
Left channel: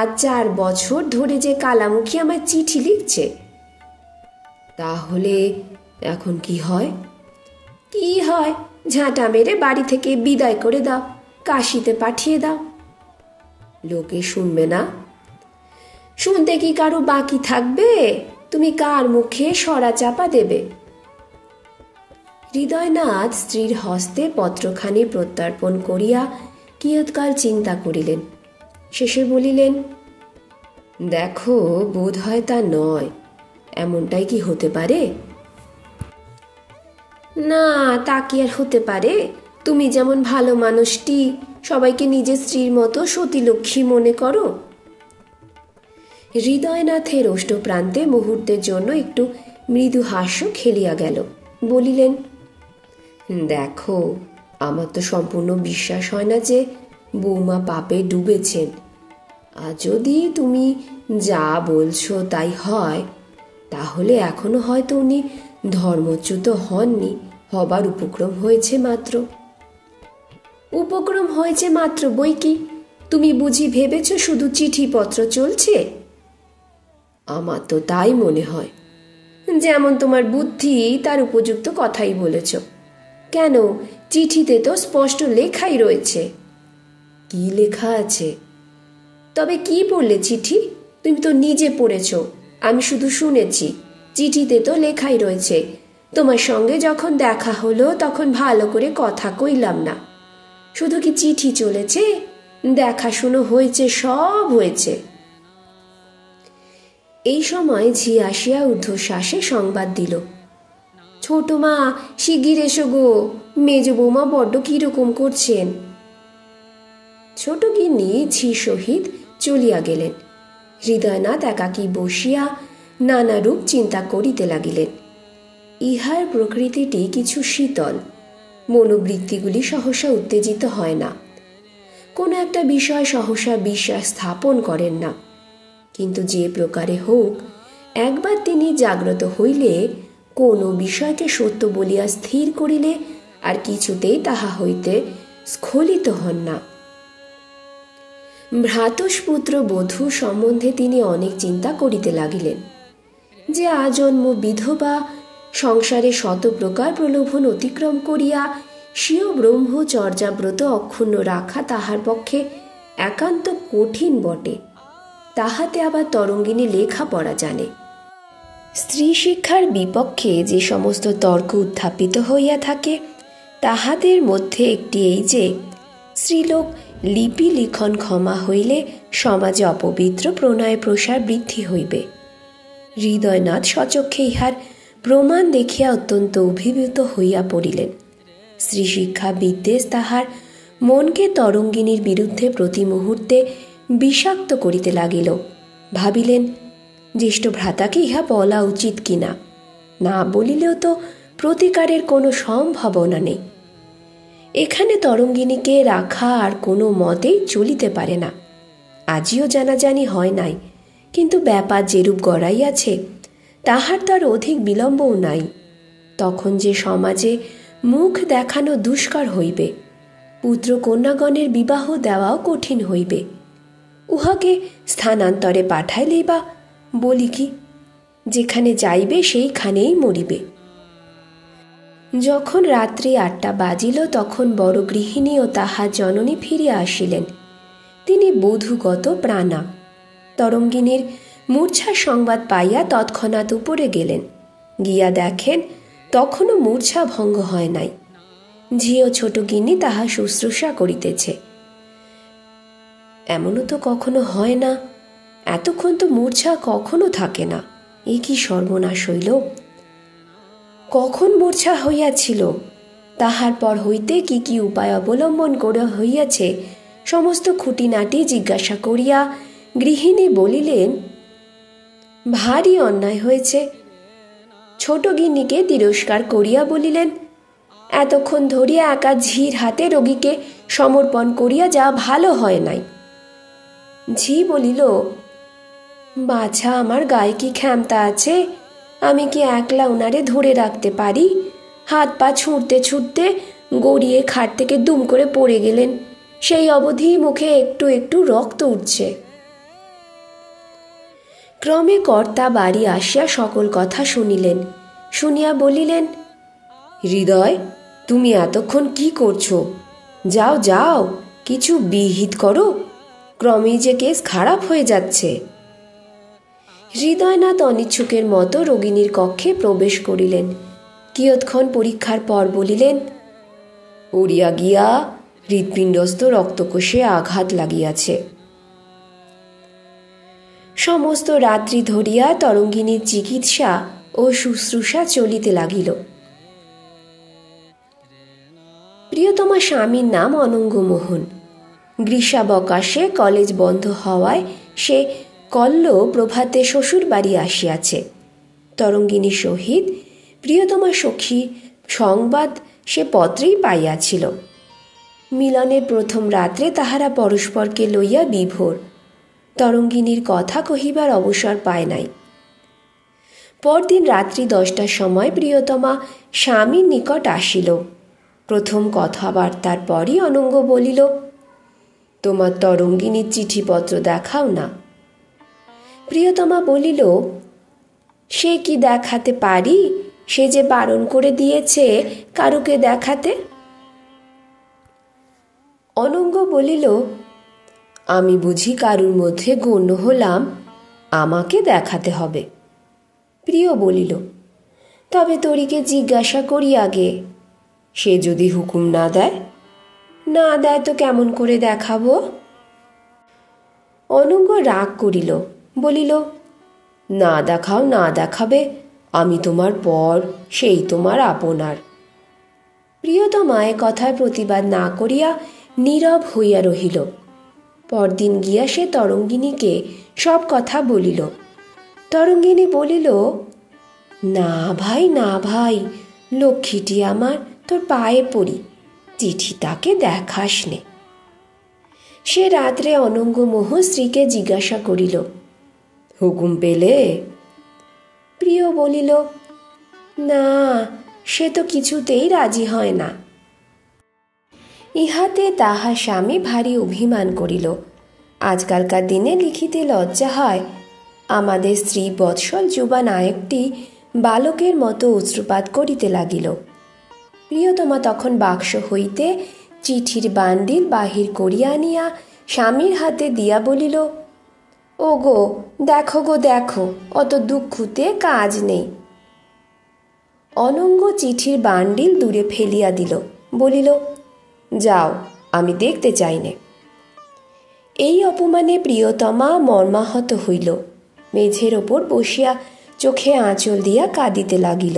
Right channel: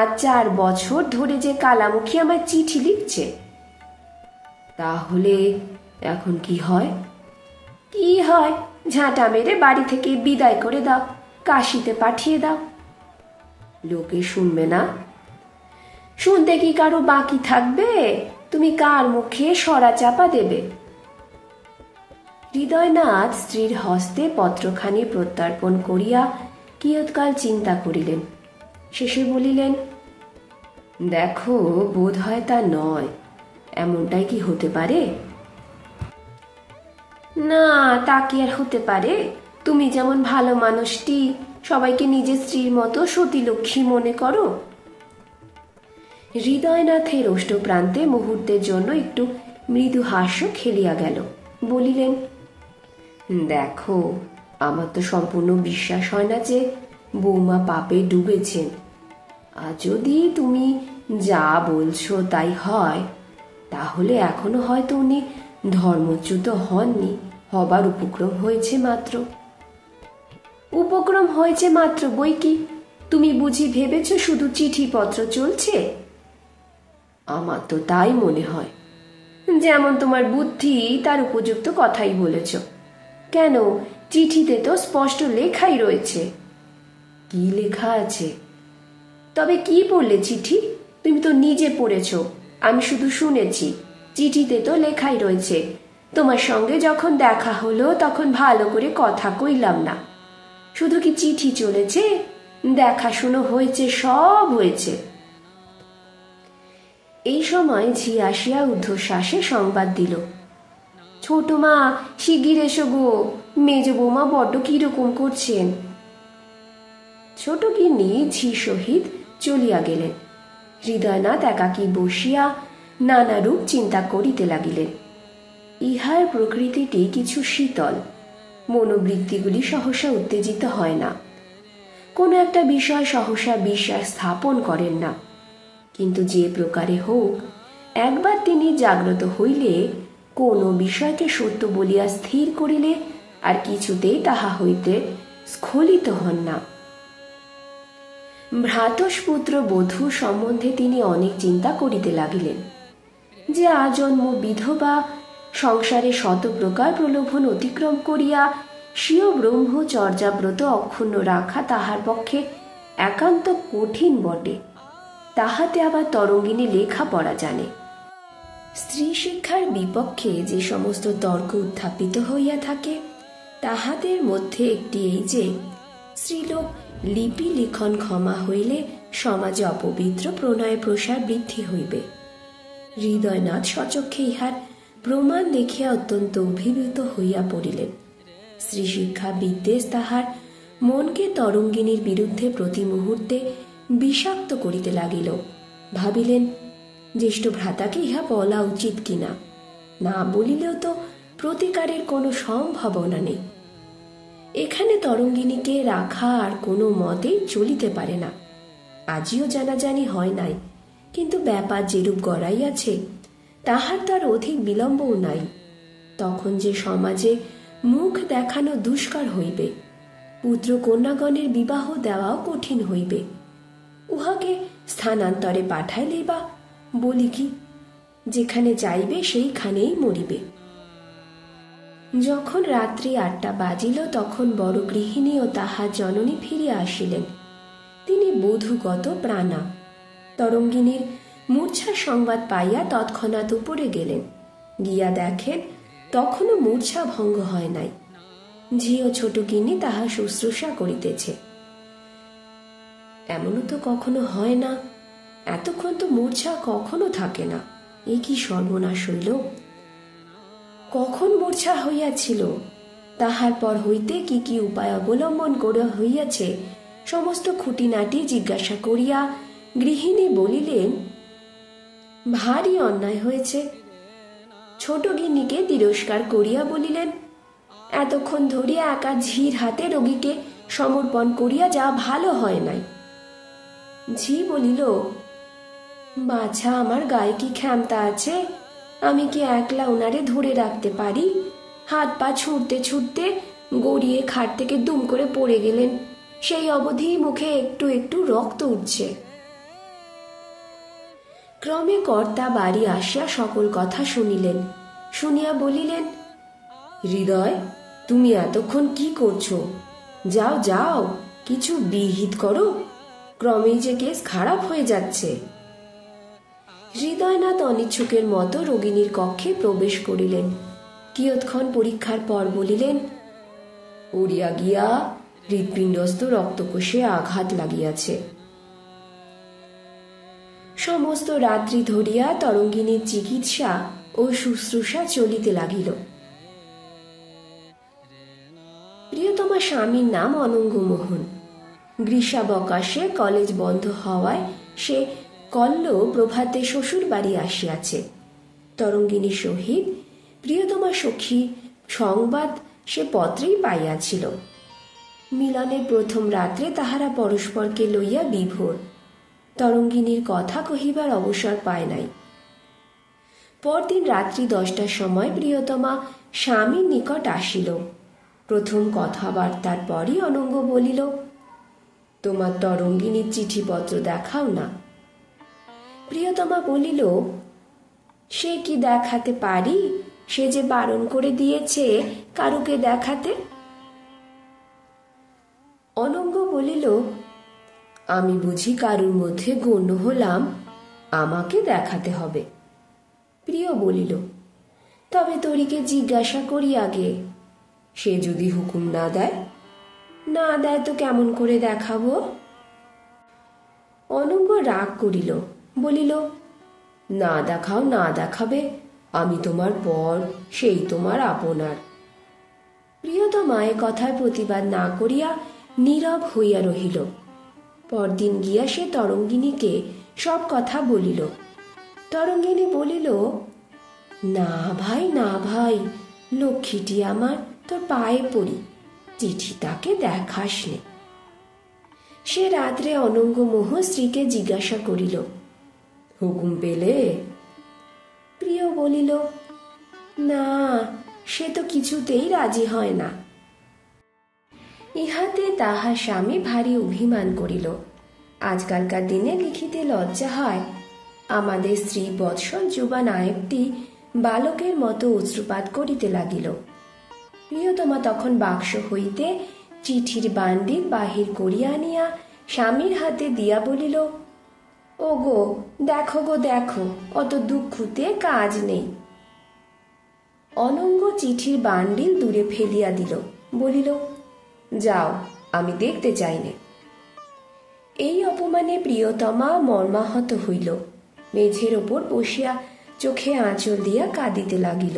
আজ 4 বছর ধরে যে কালামুখী আমায় চিঠি লিখছে। তাহলে এখন কি হয়? কি হয়, ঝাঁটা মেরে বাড়ি থেকে বিদায় করে দাও, কাশিতে পাঠিয়ে দাও। লোকে শুনবে না? শুনতে কি কারো বাকি থাকবে? তুমি কার মুখে সরা চাপা দেবে? হৃদয়নাথ স্ত্রীর হস্তে পত্রখানি প্রত্যর্পণ করিয়া কিয়ৎকাল চিন্তা করিলেন। শেষে বলিলেন, দেখো, বোধ হয় তা নয়। এমনটাই কি হতে পারে? না, তা কি আর হতে পারে? তুমি যেমন ভালো মানুষটি সবাইকে নিজের স্ত্রীর মতো সতীলক্ষ্মী মনে করো। হৃদয়নাথের ওষ্ঠপ্রান্তে মুহূর্তের জন্য একটু মৃদু হাস্য খেলিয়া গেল। বলিলেন, দেখো, আমার তো সম্পূর্ণ বিশ্বাস হয় না যে বৌমা পাপে ডুবেছেন। আর যদি তুমি যা বলছো তাই হয়, তাহলে এখনো হয়তো উনি ধর্মচ্যুত হননি, হবার উপক্রম হয়েছে মাত্র। উপক্রম হয়েছে মাত্র বই কি? তুমি বুঝি ভেবেছ শুধু চিঠিপত্র চলছে? আমার তো তাই মনে হয়। যেমন তোমার বুদ্ধি, তার উপযুক্ত কথাই বলেছ। কেন, চিঠিতে তো স্পষ্ট লেখাই রয়েছে। কি লেখা আছে? তবে কি পড়লে চিঠি? তুমি তো নিজে পড়েছ, আমি শুধু শুনেছি। চিঠিতে তো লেখাই রয়েছে, তোমার সঙ্গে যখন দেখা হলো তখন ভালো করে কথা কইলাম না। শুধু কি চিঠি চলেছে, দেখাশুনো হয়েছে, সব হয়েছে। এই সময় ঝি আসিয়া ঊর্ধ্বশ্বাসে সংবাদ দিল, ছোট মা, শিগগির এসো গো, মেজ বৌমা বড্ড কিরকম করছেন। ছোট গিন্নি ঝি সহিত চলিয়া গেলেন। হৃদয়নাথ একাকী বসিয়া নানারূপ চিন্তা করিতে লাগিলেন। ইহার প্রকৃতিটি কিছু শীতল, মনোবৃত্তিগুলি সহসা উত্তেজিত হয় না, কোনো একটা বিষয় সহসা বিশ্বাস স্থাপন করেন না। কিন্তু যে প্রকারে হোক, একবার তিনি জাগ্রত হইলে কোনো বিষয়কে সত্য বলিয়া স্থির করিলে আর কিছুতেই তাহা হইতে স্খলিত হন না। ভ্রাতস্পুত্র বধূ সম্বন্ধে তিনি অনেক চিন্তা করিতে লাগিলেন। যে আজন্ম বিধবা, সংসারে শত প্রকার প্রলোভন অতিক্রম করিয়া স্বীয় ব্রহ্মচর্যাব্রত অক্ষুণ্ণ রাখা তাহার পক্ষে একান্ত কঠিন বটে। তাহাতে আবার তরঙ্গিনী লেখা পড়া জানে। স্ত্রী শিক্ষার বিপক্ষে যে সমস্ত তর্ক উত্থাপিত হইয়া থাকে, তাহাদের মধ্যে একটি এই যে স্ত্রীলোক লিপি লিখন ক্ষমা হইলে সমাজে অপবিত্র প্রণয় প্রসার বৃদ্ধি হইবে। হৃদয়নাথ স্বচক্ষে ইহার প্রমাণ দেখিয়া অত্যন্ত অভিভূত হইয়া পড়িলেন। স্ত্রী শিক্ষা বিদ্বেষ তাহার মনকে তরঙ্গিনীর বিরুদ্ধে প্রতি মুহূর্তে বিষাক্ত করিতে লাগিল। ভাবিলেন, জ্যেষ্ঠ ভ্রাতাকে ইহা বলা উচিত কিনা। না বলিলেও তো প্রতিকারের কোনো সম্ভাবনা নেই। এখানে তরঙ্গিনীকে রাখা আর কোনো মতেই চলিতে পারে না। আজিও জানাজানি হয় নাই, কিন্তু ব্যাপার যেরূপ গড়াইয়াছে তাহার তার অধিক বিলম্বও নাই। তখন যে সমাজে মুখ দেখানো দুষ্কার হইবে, পুত্র কন্যাগণের বিবাহ দেওয়াও কঠিন হইবে। উহাকে স্থানান্তরে পাঠাইলেই বা বলি কি, যেখানে যাইবে সেইখানেই মরিবে। যখন রাত্রি ৮টা বাজিল, তখন বড় গৃহিণী ও তাহার জননী ফিরিয়া আসিলেন। তিনি বধূগত প্রাণা। তরঙ্গিনীর মূর্ছার সংবাদ পাইয়া তৎক্ষণাৎ উপরে গেলেন। গিয়া দেখেন তখনও মূর্ছা ভঙ্গ হয় নাই। ঝিও ছোট গিন্নি তাহা শুশ্রূষা করিতেছে। এমনও তো কখনো হয় না, এতক্ষণ তো মূর্ছা কখনো থাকে না। এ কি সর্বনাশ হইল! কখন মূর্ছা হইয়াছিল, তাহার পর হইতে কি কি উপায় অবলম্বন করা হইয়াছে, সমস্ত খুঁটিনাটি জিজ্ঞাসা করিয়া গৃহিণী বলিলেন, ভারী অন্যায় হয়েছে। ছোট গিন্নিকে তিরস্কার করিয়া বলিলেন, এতক্ষণ ধরিয়া একা ঝির হাতে রোগীকে সমর্পণ করিয়া যা ভালো হয় নাই। ঝি বলিল, বাছা, আমার গায়ে কি ক্ষমতা আছে? আমি কি একলা ওনারে ধরে রাখতে পারি? হাত পা ছুঁড়তে ছুটতে গড়িয়ে খাট থেকে দুম করে পড়ে গেলেন। সেই অবধি মুখে একটু একটু রক্ত উঠছে। ক্রমে কর্তা বাড়ি আসিয়া সকল কথা শুনিলেন। শুনিয়া বলিলেন, হৃদয়, তুমি এতক্ষণ কি করছো? যাও যাও, কিছু বিহিত করো, ক্রমেই যে কেস খারাপ হয়ে যাচ্ছে। হৃদয়নাথ অনিচ্ছুকের মতো রোগিণীর কক্ষে প্রবেশ করিলেন। কিয়ৎক্ষণ পরীক্ষার পর বলিলেন, উড়িয়া গিয়া হৃৎপিণ্ডস্থ রক্তকোষে আঘাত লাগিয়াছে। সমস্ত রাত্রি ধরিয়া তরঙ্গিনীর চিকিৎসা ও শুশ্রূষা চলিতে লাগিল। প্রিয়তমা স্বামীর নাম অনঙ্গমোহন। গ্রীষ্মাবকাশে কলেজ বন্ধ হওয়ায় সে কল্ল প্রভাতে শ্বশুর বাড়ি আসিয়াছে। তরঙ্গিনীর সহিত প্রিয়তমা সখী সংবাদ সে পত্রেই পাইয়াছিল। মিলনের প্রথম রাত্রে তাহারা পরস্পরকে লইয়া বিভোর। তরঙ্গিনীর কথা কহিবার অবসর পায় নাই। পরদিন রাত্রি 10টার সময় প্রিয়তমা স্বামীর নিকট আসিল। প্রথম কথাবার্তার পরই অনঙ্গ বলিল, তোমার তরঙ্গিনীর চিঠিপত্র দেখাও না। প্রিয়তমা বলিল, সে কি দেখাতে পারি? সে যে বারণ করে দিয়েছে কারুকে দেখাতে। অনঙ্গ বলিল, আমি বুঝি কারুর মধ্যে গণ্য হলাম, আমাকে দেখাতে হবে? প্রিয় বলিল, তবে তরিকে জিজ্ঞাসা করি আগে, সে যদি হুকুম না দেয়? না দেয় তো কেমন করে দেখাবো? অনঙ্গ রাগ করিল, বলিল, না দেখাও, না দেখাবে, আমি তোমার পর, সেই তোমার আপনার। প্রিয়তমা এ কথায় প্রতিবাদ না করিয়া নীরব হইয়া রহিল। পরদিন গিয়া সে তরঙ্গিনীকে সব কথা বলিল। তরঙ্গিনী বলিল, না ভাই, না ভাই, লক্ষ্মীটি আমার, তোর পায়ে পড়ি, চিঠি তাকে দেখাস নে। সে রাত্রে অনঙ্গমোহ স্ত্রীকে জিজ্ঞাসা করিল, হুকুম পেলে? প্রিয় বলিল, না, সে তো কিছুতেই রাজি হয় না। ইহাতে তাহার স্বামী ভারী অভিমান করিল। আজকালকার দিনে লিখিতে লজ্জা হয়। আমাদের স্ত্রী বৎসল যুবা নায়কটি বালকের মতো অশ্রুপাত করিতে লাগিল। প্রিয়তমা তখন বাক্স হইতে চিঠির বান্ডিল বাহির করিয়া আনিয়া স্বামীর হাতে দিয়া বলিল, ও গো দেখো, গো দেখো, অত দুঃখতে কাজ নেই। অনঙ্গ চিঠির বান্ডিল দূরে ফেলিয়া দিল, বলিল, যাও, আমি দেখতে চাই নে। এই অপমানে প্রিয়তমা মর্মাহত হইল। মেঝের ওপর বসিয়া চোখে আঁচল দিয়া কাঁদিতে লাগিল।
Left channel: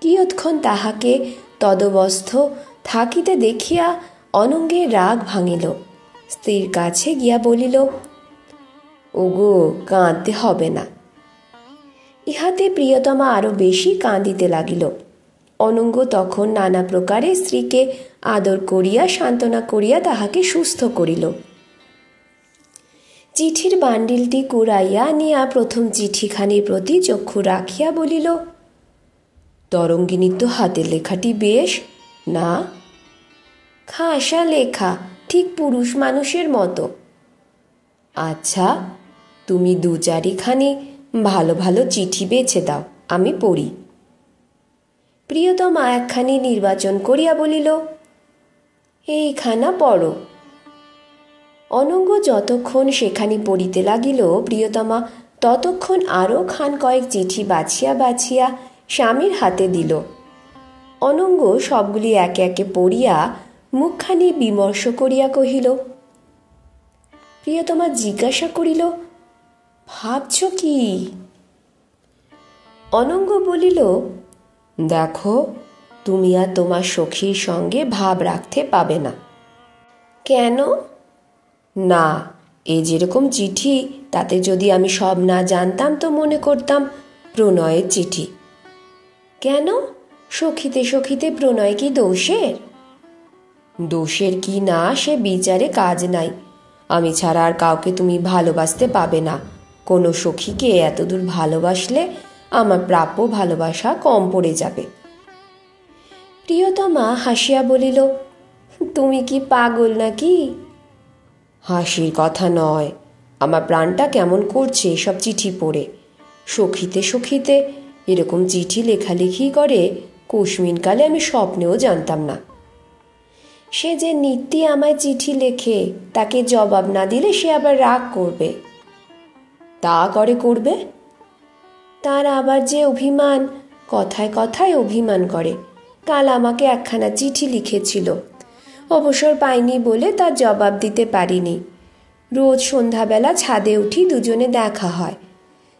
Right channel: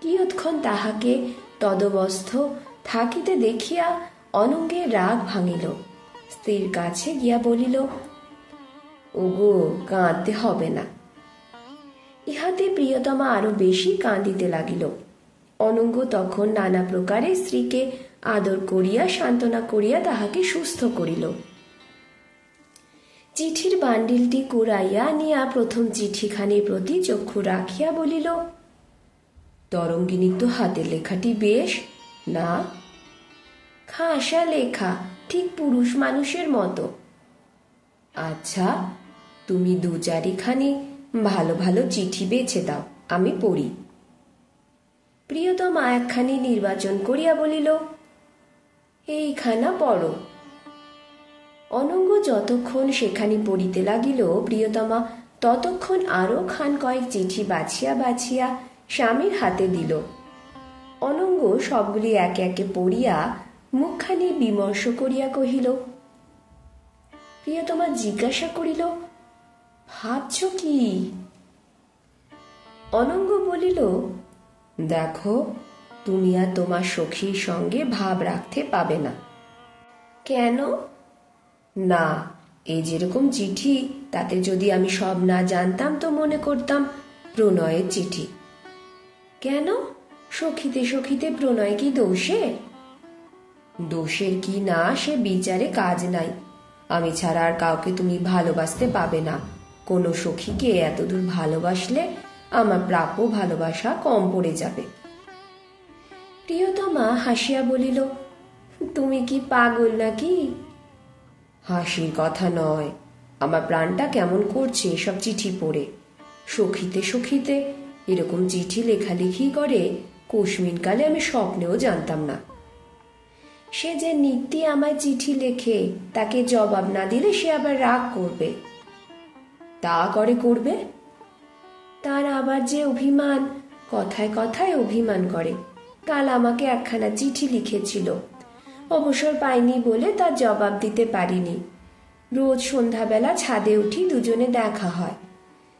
কিয়ৎক্ষণ তাহাকে তদবস্থ থাকিতে দেখিয়া অনঙ্গের রাগ ভাঙিল। স্ত্রীর কাছে গিয়া বলিল, ওগো, কাঁদতে হবে না। ইহাতে প্রিয়তমা আরো বেশি কাঁদিতে লাগিল। অনঙ্গ তখন নানা প্রকারে স্ত্রীকে আদর করিয়া সান্ত্বনা করিয়া তাহাকে সুস্থ করিল। চিঠির বান্ডিলটি কুড়াইয়া আনিয়া প্রথম চিঠিখানির প্রতি চক্ষু রাখিয়া বলিল, তরঙ্গিনীর তো হাতের লেখাটি বেশ না? খাসা লেখা, ঠিক পুরুষ মানুষের মতো। আচ্ছা, তুমি 2-4খানি ভালো ভালো চিঠি বেছে দাও, আমি পড়ি। প্রিয়তমা একখানি নির্বাচন করিয়া বলিল, এইখানা পড়ো। অনঙ্গ যতক্ষণ সেখানি পড়িতে লাগিল, প্রিয়তমা ততক্ষণ আরো খান কয়েক চিঠি বাছিয়া বাছিয়া স্বামীর হাতে দিল। অনঙ্গ সবগুলি একে একে পড়িয়া মুখখানি বিমর্ষ করিয়া কহিল। প্রিয়তমা জিজ্ঞাসা করিল, ভাবছ কি? অনঙ্গ বলিল, দেখো, তুমি আর তোমার সখীর সঙ্গে ভাব রাখতে পাবে না। কেন? না, এই যেরকম চিঠি, তাতে যদি আমি সব না জানতাম তো মনে করতাম প্রণয়ের চিঠি। কেন? সখীতে সখীতে প্রণয় কি দোষের? দোষের কি না সে বিচারে কাজ নাই। আমি ছাড়া আর কাউকে তুমি ভালোবাসতে পাবে না। কোনো সখীকে এতদূর ভালোবাসলে আমার প্রাপ্য ভালোবাসা কম পড়ে যাবে। প্রিয়তমা হাসিয়া বলিল, তুমি কি পাগল নাকি? হাসির কথা নয়, আমার প্রাণটা কেমন করছে সব চিঠি পড়ে। সখীতে সখীতে এরকম চিঠি লেখালেখি করে কুসমিনকালে আমি স্বপ্নেও জানতাম না। সে যে নিত্যি আমায় চিঠি লেখে, তাকে জবাব না দিলে সে আবার রাগ করবে। তা করবে। তার আবার যে অভিমান, কথায় কথায় অভিমান করে। কাল আমাকে একখানা চিঠি লিখেছিল, অবসর পাইনি বলে তার জবাব দিতে পারিনি। রোজ সন্ধ্যাবেলা ছাদে উঠি, দুজনে দেখা হয়।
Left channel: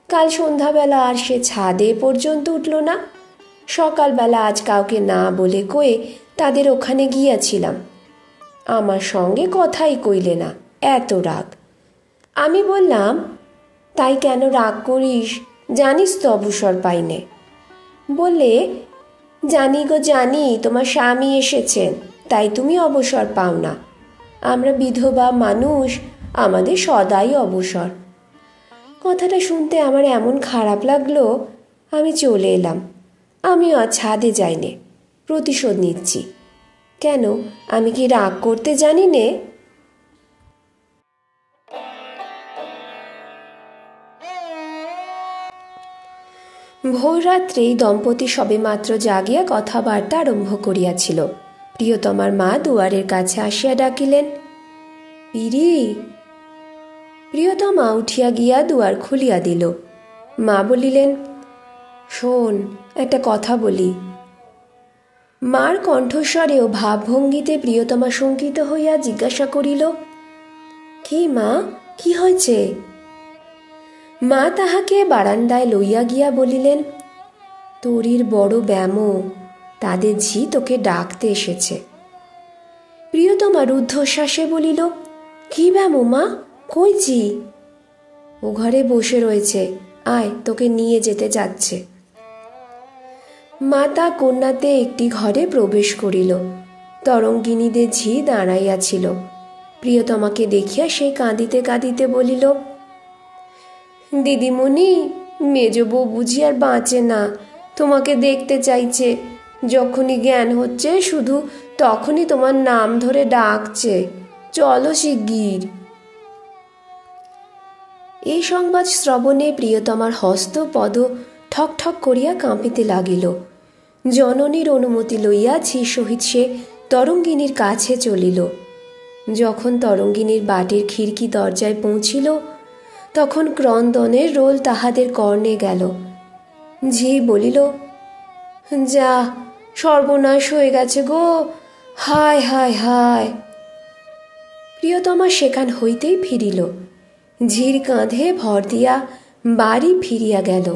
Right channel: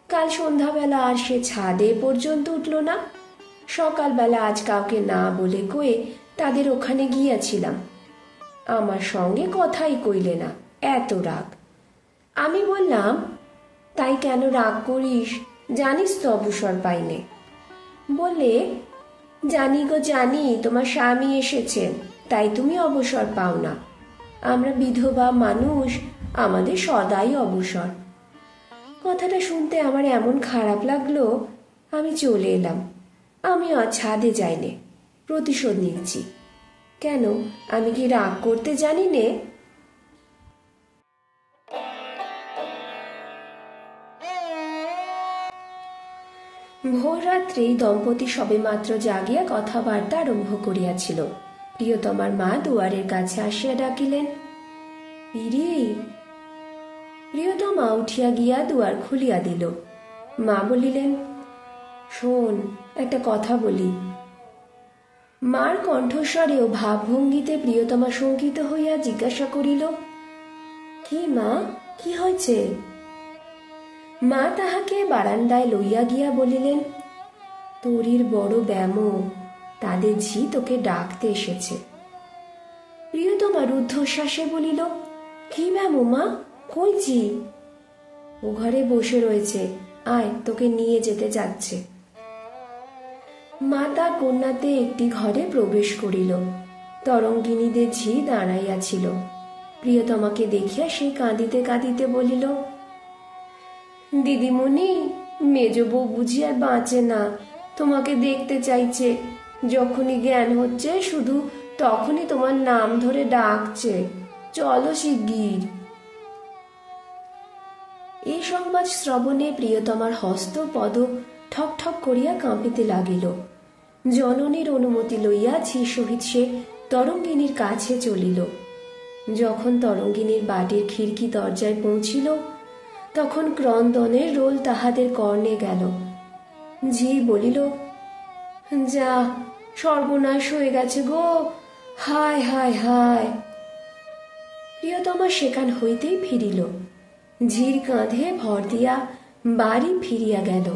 কাল সন্ধ্যাবেলা আর সে ছাদে পর্যন্ত উঠল না। সকালবেলা আজ কাউকে না বলে কয়ে তাদের ওখানে গিয়াছিলাম। আমার সঙ্গে কথাই কইলে না, এত রাগ। আমি বললাম, তাই কেন রাগ করিস, জানিস তো অবসর পাইনে। বললে, জানি গো জানি, তোমার স্বামী এসেছেন, তাই তুমি অবসর পাও না। আমরা বিধবা মানুষ, আমাদের সদাই অবসর। কথাটা শুনতে আমার এমন খারাপ লাগলো, আমি চলে এলাম। আমি আর ছাদে যাইনে, প্রতিশোধ নিচ্ছি। কেন, আমি কি রাগ করতে জানি নে? ভোররাত্রে দম্পতি সবেমাত্র জাগিয়া কথাবার্তা আরম্ভ করিয়াছিল। প্রিয়তমার মা দুয়ারের কাছে আসিয়া ডাকিলেন, পিরি। প্রিয়তমা উঠিয়া গিয়া দুয়ার খুলিয়া দিল। মা বলিলেন, শোন, একটা কথা বলি। মার কণ্ঠস্বরে ও ভাবভঙ্গিতে প্রিয়তমা শঙ্কিত হইয়া জিজ্ঞাসা করিল, কি মা, কি হয়েছে? মা তাহাকে বারান্দায় লইয়া গিয়া বলিলেন, তোরির বড় ব্যাম, তাদের ঝি তোকে ডাকতে এসেছে। প্রিয়তমা রুদ্ধশ্বাসে বলিল, কি ব্যাম মা, কই ঝি? ও ঘরে বসে রয়েছে, আয়, তোকে নিয়ে যেতে যাচ্ছে। মাতা কন্যাতে একটি ঘরে প্রবেশ করিল। তরঙ্গিনীদের ঝি দাঁড়াইয়াছিল। প্রিয়তমাকে দেখিয়া সে কাঁদিতে কাঁদিতে বলিল, দিদিমণি, মেজ বউ বুঝি আর বাঁচে না, তোমাকে দেখতে চাইছে। যখনই জ্ঞান হচ্ছে শুধু তখনই তোমার নাম ধরে ডাকছে, চলো শিগগির। এই সংবাদ শ্রবণে প্রিয়তমার হস্ত পদ ঠক ঠক করিয়া কাঁপিতে লাগিল। জননীর অনুমতি লইয়া ঝি সহিত সে তরঙ্গিনীর কাছে চলিল। যখন তরঙ্গিনীর বাটির খিড়কি দরজায় পৌঁছিল, তখন ক্রন্দনের রোল তাহাদের কর্ণে গেল। ঝি বলিল, যা, সর্বনাশ হয়ে গেছে গো, হায় হায় হায়। প্রিয়তমা সেখান হইতেই ফিরিল। ঝির কাঁধে ভর দিয়া বাড়ি ফিরিয়া গেল।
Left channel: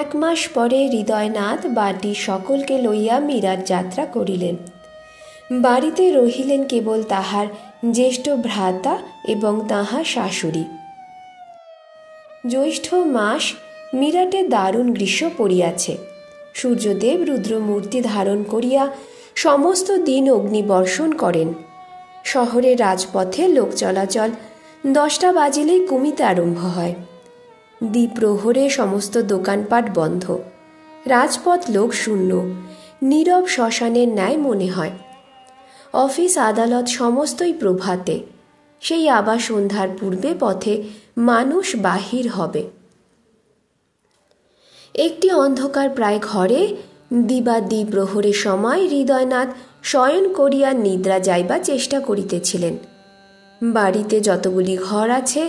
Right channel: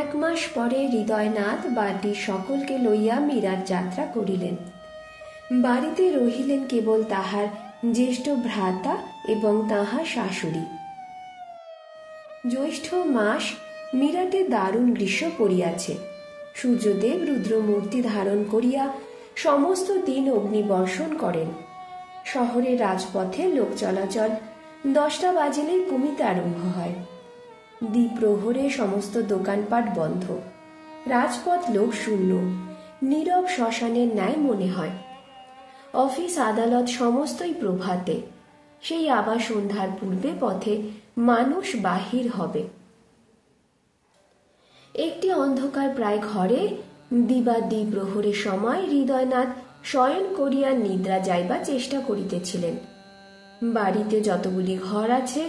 এক মাস পরে হৃদয়নাথ বাড়ির সকলকে লইয়া মীরার যাত্রা করিলেন। বাড়িতে রহিলেন কেবল তাহার জ্যেষ্ঠ ভ্রাতা এবং তাহার শাশুড়ি। জ্যৈষ্ঠ মাস মীরাটে দারুণ গ্রীষ্ম পড়িয়াছে। সূর্যদেব রুদ্রমূর্তি ধারণ করিয়া সমস্ত দিন অগ্নিবর্ষণ করেন। শহরের রাজপথে লোক চলাচল 10টা বাজিলেই কমিতে আরম্ভ হয়। দ্বিপ্রহরে সমস্ত দোকানপাট বন্ধ। রাজপথ লোক শূন্য, নীরব শ্মশানের ন্যায় মনে হয়। অফিস আদালত সমস্তই প্রভাতে। সেই আবার সন্ধ্যার পূর্বে পথে মানুষ বাহির হবে। একটি অন্ধকার প্রায় ঘরে দিবা দ্বিপ্রহরের সময় হৃদয়নাথ শয়ন করিয়া নিদ্রা যাইবা চেষ্টা করিতেছিলেন। বাড়িতে যতগুলি ঘর আছে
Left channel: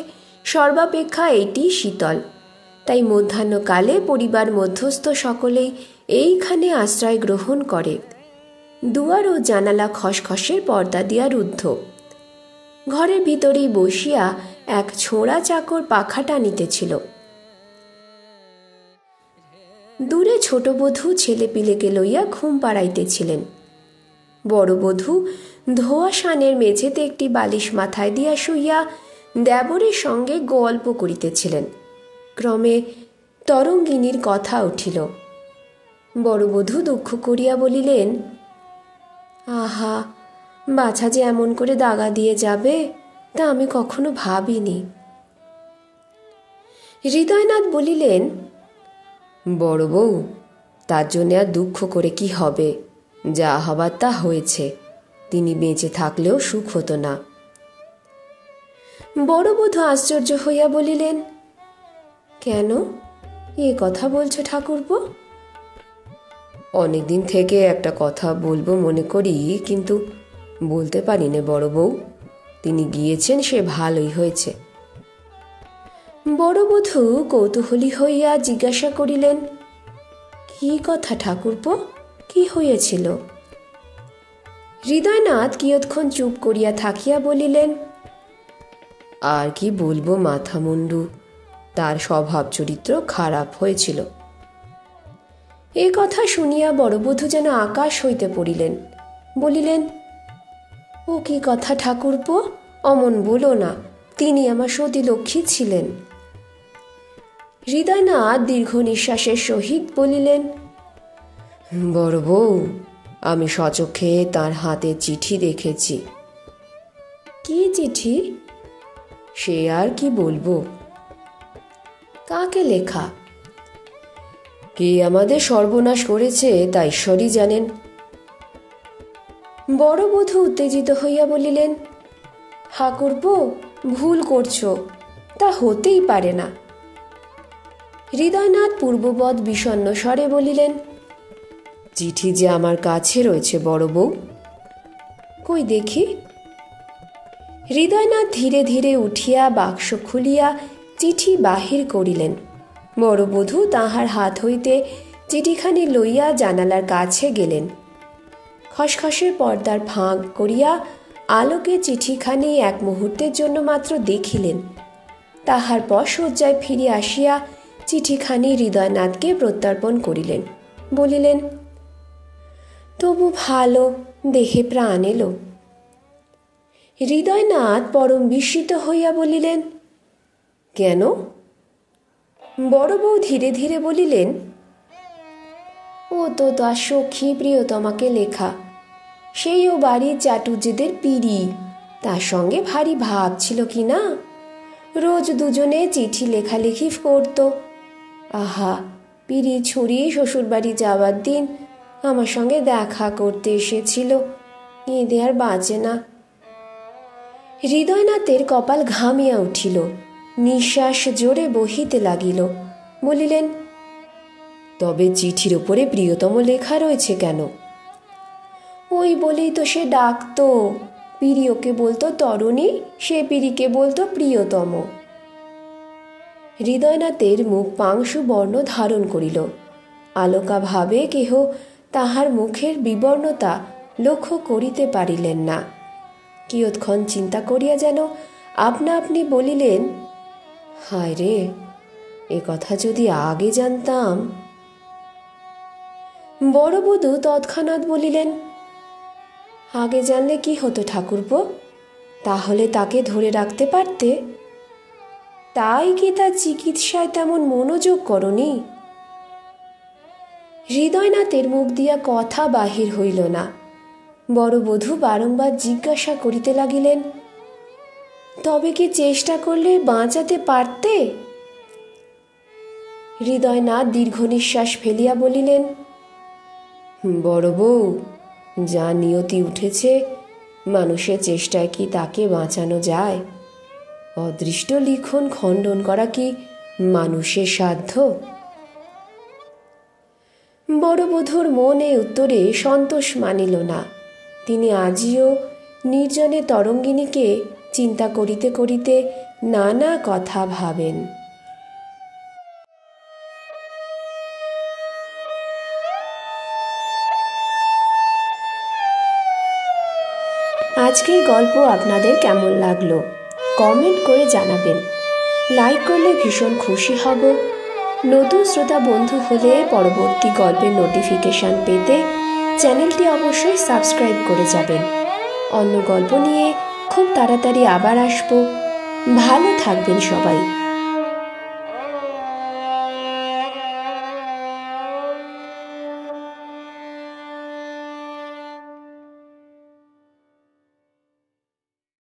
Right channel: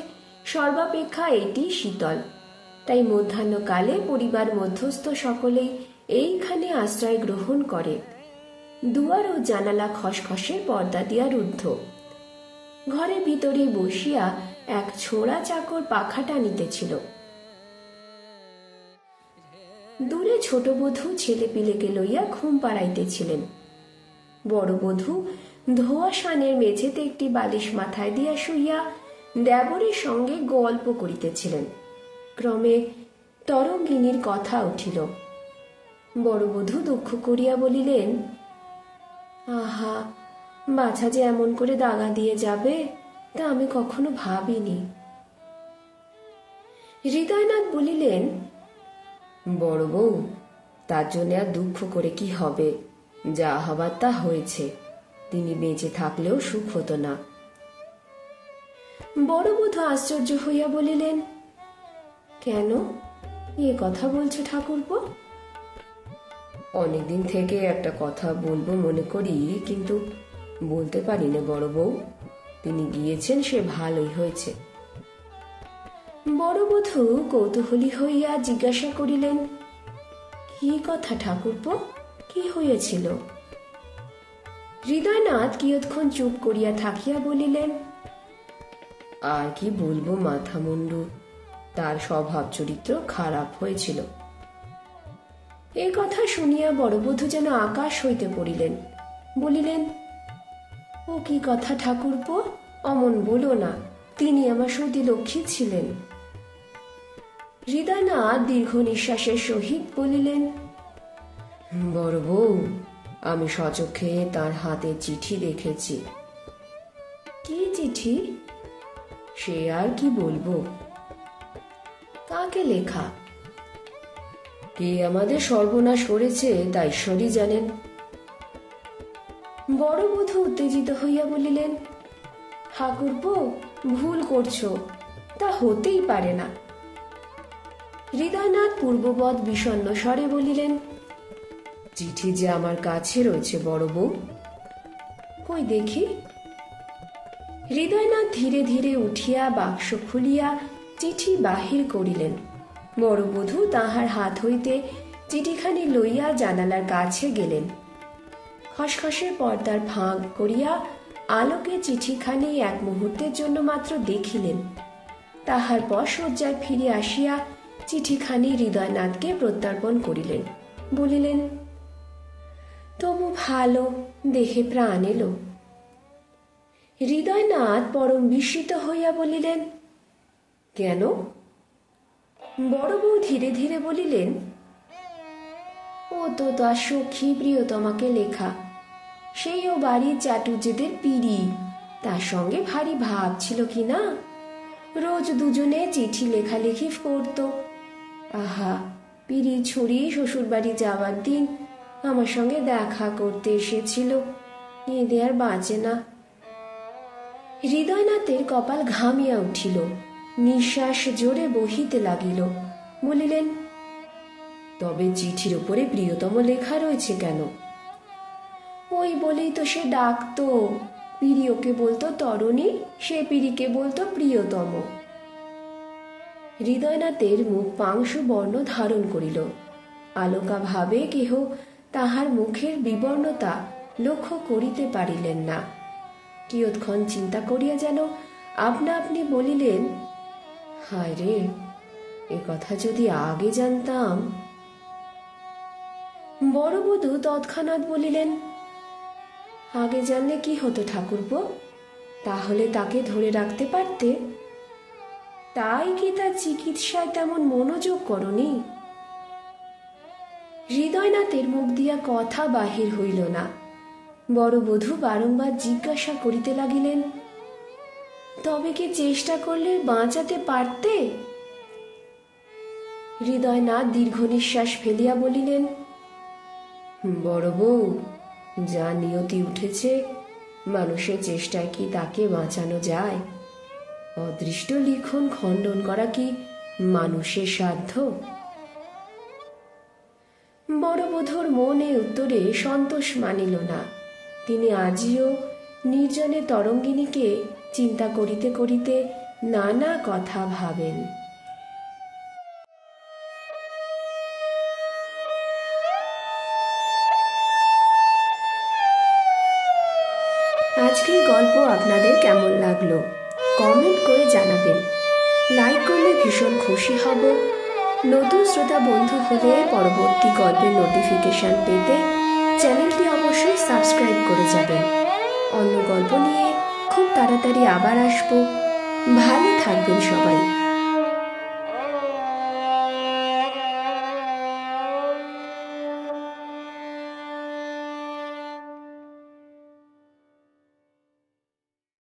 সর্বাপেক্ষা এটি শীতল, তাই মধ্যাহ্নকালে পরিবার মধ্যস্থ সকলেই এইখানে আশ্রয় গ্রহণ করে। দুয়ার ও জানালা খসখসের পর্দা দিয়া রুদ্ধ। ঘরের ভিতরেই বসিয়া এক ছোঁড়া চাকর পাখা টানিতেছিল। দূরে ছোট বধূ ছেলে পিলেকে লইয়া ঘুম পাড়াইতেছিলেন। বড় বধূ ধোয়াশানের মেঝেতে একটি বালিশ মাথায় দিয়া শুইয়া দেবরের সঙ্গে গল্প করিতেছিলেন। ক্রমে তরঙ্গিনীর কথা উঠিল। বড় বধূ দুঃখ করিয়া বলিলেন, আহা, বাছা যে এমন করে দাগা দিয়ে যাবে তা আমি কখনো ভাবিনি। হৃদয়নাথ বলিলেন, বড় বউ, তার জন্য আর দুঃখ করে কি হবে? যা হবার তা হয়েছে। তিনি বেঁচে থাকলেও সুখ হতো না। বড় বধূ আশ্চর্য হইয়া বলিলেন, কেন এ কথা বলছো ঠাকুরপো? অনেকদিন থেকে একটা কথা বলবো মনে করি, কিন্তু বলতে পারি না বড় বউ। তিনি গিয়েছেন, সে ভালোই হয়েছে। বড় বধূ কৌতূহলী হইয়া জিজ্ঞাসা করিলেন, কি কথা ঠাকুরপো, কি হয়েছিল? হৃদয়নাথ কিয়ৎক্ষণ চুপ করিয়া থাকিয়া বলিলেন, আর কি বলবো মাথা মুন্ডু, তার স্বভাব চরিত্র খারাপ হয়েছিল। এ কথা শুনিয়া বড় বধূ যেন আকাশ হইতে পড়িলেন। বলিলেন, ও কি কথা ঠাকুরপো, অমন বলো না, তিনি আমার সতী লক্ষ্মী ছিলেন। হৃদয়নাথ দীর্ঘ নিঃশ্বাসের সহিত বলিলেন, বড় বউ, আমি স্বচক্ষে তার হাতে চিঠি দেখেছি। কি চিঠি? সে আর কি বলবো। কাকে লেখা? কে আমাদের সর্বনাশ করেছে তা ঈশ্বরই জানেন। বড় বধূ উত্তেজিত হইয়া বলিলেন, ঠাকুরপো, ভুল করছো, তা হতেই পারে না। হৃদয়নাথ পূর্ববৎ বিষণ্ণ স্বরে বলিলেন, চিঠি যে আমার কাছে রয়েছে বড় বউ। কই দেখি। হৃদয়নাথ ধীরে ধীরে উঠিয়া বাক্স খুলিয়া চিঠি বাহির করিলেন। বড় বধূ তাহার হাত হইতে চিঠিখানি লইয়া জানালার কাছে গেলেন। খসখসে পর্দার ফাঁক করিয়া আলোকে চিঠিখানি এক মুহূর্তের জন্য মাত্র দেখিলেন। তাহার পর শয্যায় ফিরে আসিয়া চিঠিখানি হৃদয়নাথকে প্রত্যর্পণ করিলেন। বলিলেন, তবু ভালো, দেহে প্রাণ এলো। হৃদয়নাথ পরম বিস্মিত হইয়া বলিলেন, কেন? বড় বউ ধীরে ধীরে বলিলেন, ও তো তার সখী প্রিয়তমাকে লেখা, সেই ও বাড়ির চাটুজ্যেদের পিড়ি, তার সঙ্গে ভারী ভাব ছিল কি না, রোজ দুজনে চিঠি লেখালেখি করত। আহা, পিড়ি ছুরি শ্বশুর বাড়ি যাওয়ার দিন আমার সঙ্গে দেখা করতে এসেছিল, এঁদে আর বাঁচে না। হৃদয়নাথের কপাল ঘামিয়া উঠিল, নিঃশ্বাস জোরে বহিতে লাগিল। বলিলেন, তবে চিঠির উপরে প্রিয়তম লেখা রয়েছে কেন? ওই বলেই তো সে ডাকতো, প্রিয়কে বলতো তরুণী, সে পিড়িকে বলতো প্রিয়তম। হৃদয়নাথের মুখ পাংশু বর্ণ ধারণ করিল। আলোকা ভাবে কেহ তাহার মুখের বিবর্ণতা লক্ষ্য করিতে পারিলেন না। কিয়ৎক্ষণ চিন্তা করিয়া যেন আপনা আপনি বলিলেন, হায় রে, এ কথা যদি আগে জানতাম। বড় বধূ তৎক্ষণাৎ বলিলেন, আগে জানলে কি হতো ঠাকুরপো? তাহলে তাকে ধরে রাখতে পারতে। তাই কি তার চিকিৎসায় তেমন মনোযোগ করনি? হৃদয়নাথের মুখ দিয়া কথা বাহির হইল না। বড় বধূ বারংবার জিজ্ঞাসা করিতে লাগিলেন, তবে কি চেষ্টা করলে বাঁচাতে পারতে? হৃদয়নাথ দীর্ঘ নিঃশ্বাস ফেলিয়া বলিলেন, বড় বউ, যা নিয়তি উঠেছে, মানুষের চেষ্টায় কি তাকে বাঁচানো যায়? অদৃষ্ট লিখন খণ্ডন করা কি মানুষের সাধ্য? বড় বধূর মনে উত্তরে সন্তোষ মানিল না। তিনি আজিও নির্জনে তরঙ্গিনীকে চিন্তা করিতে করিতে নানা কথা ভাবেন। আজকের গল্প আপনাদের কেমন লাগলো কমেন্ট করে জানাবেন। লাইক করলে ভীষণ খুশি হব। নতুন শ্রোতা বন্ধু হলে পরবর্তী গল্পের নোটিফিকেশন পেতে চ্যানেলটি অবশ্যই সাবস্ক্রাইব করে যাবেন। অন্য গল্প নিয়ে খুব তাড়াতাড়ি আবার আসবো। ভালো থাকবেন সবাই।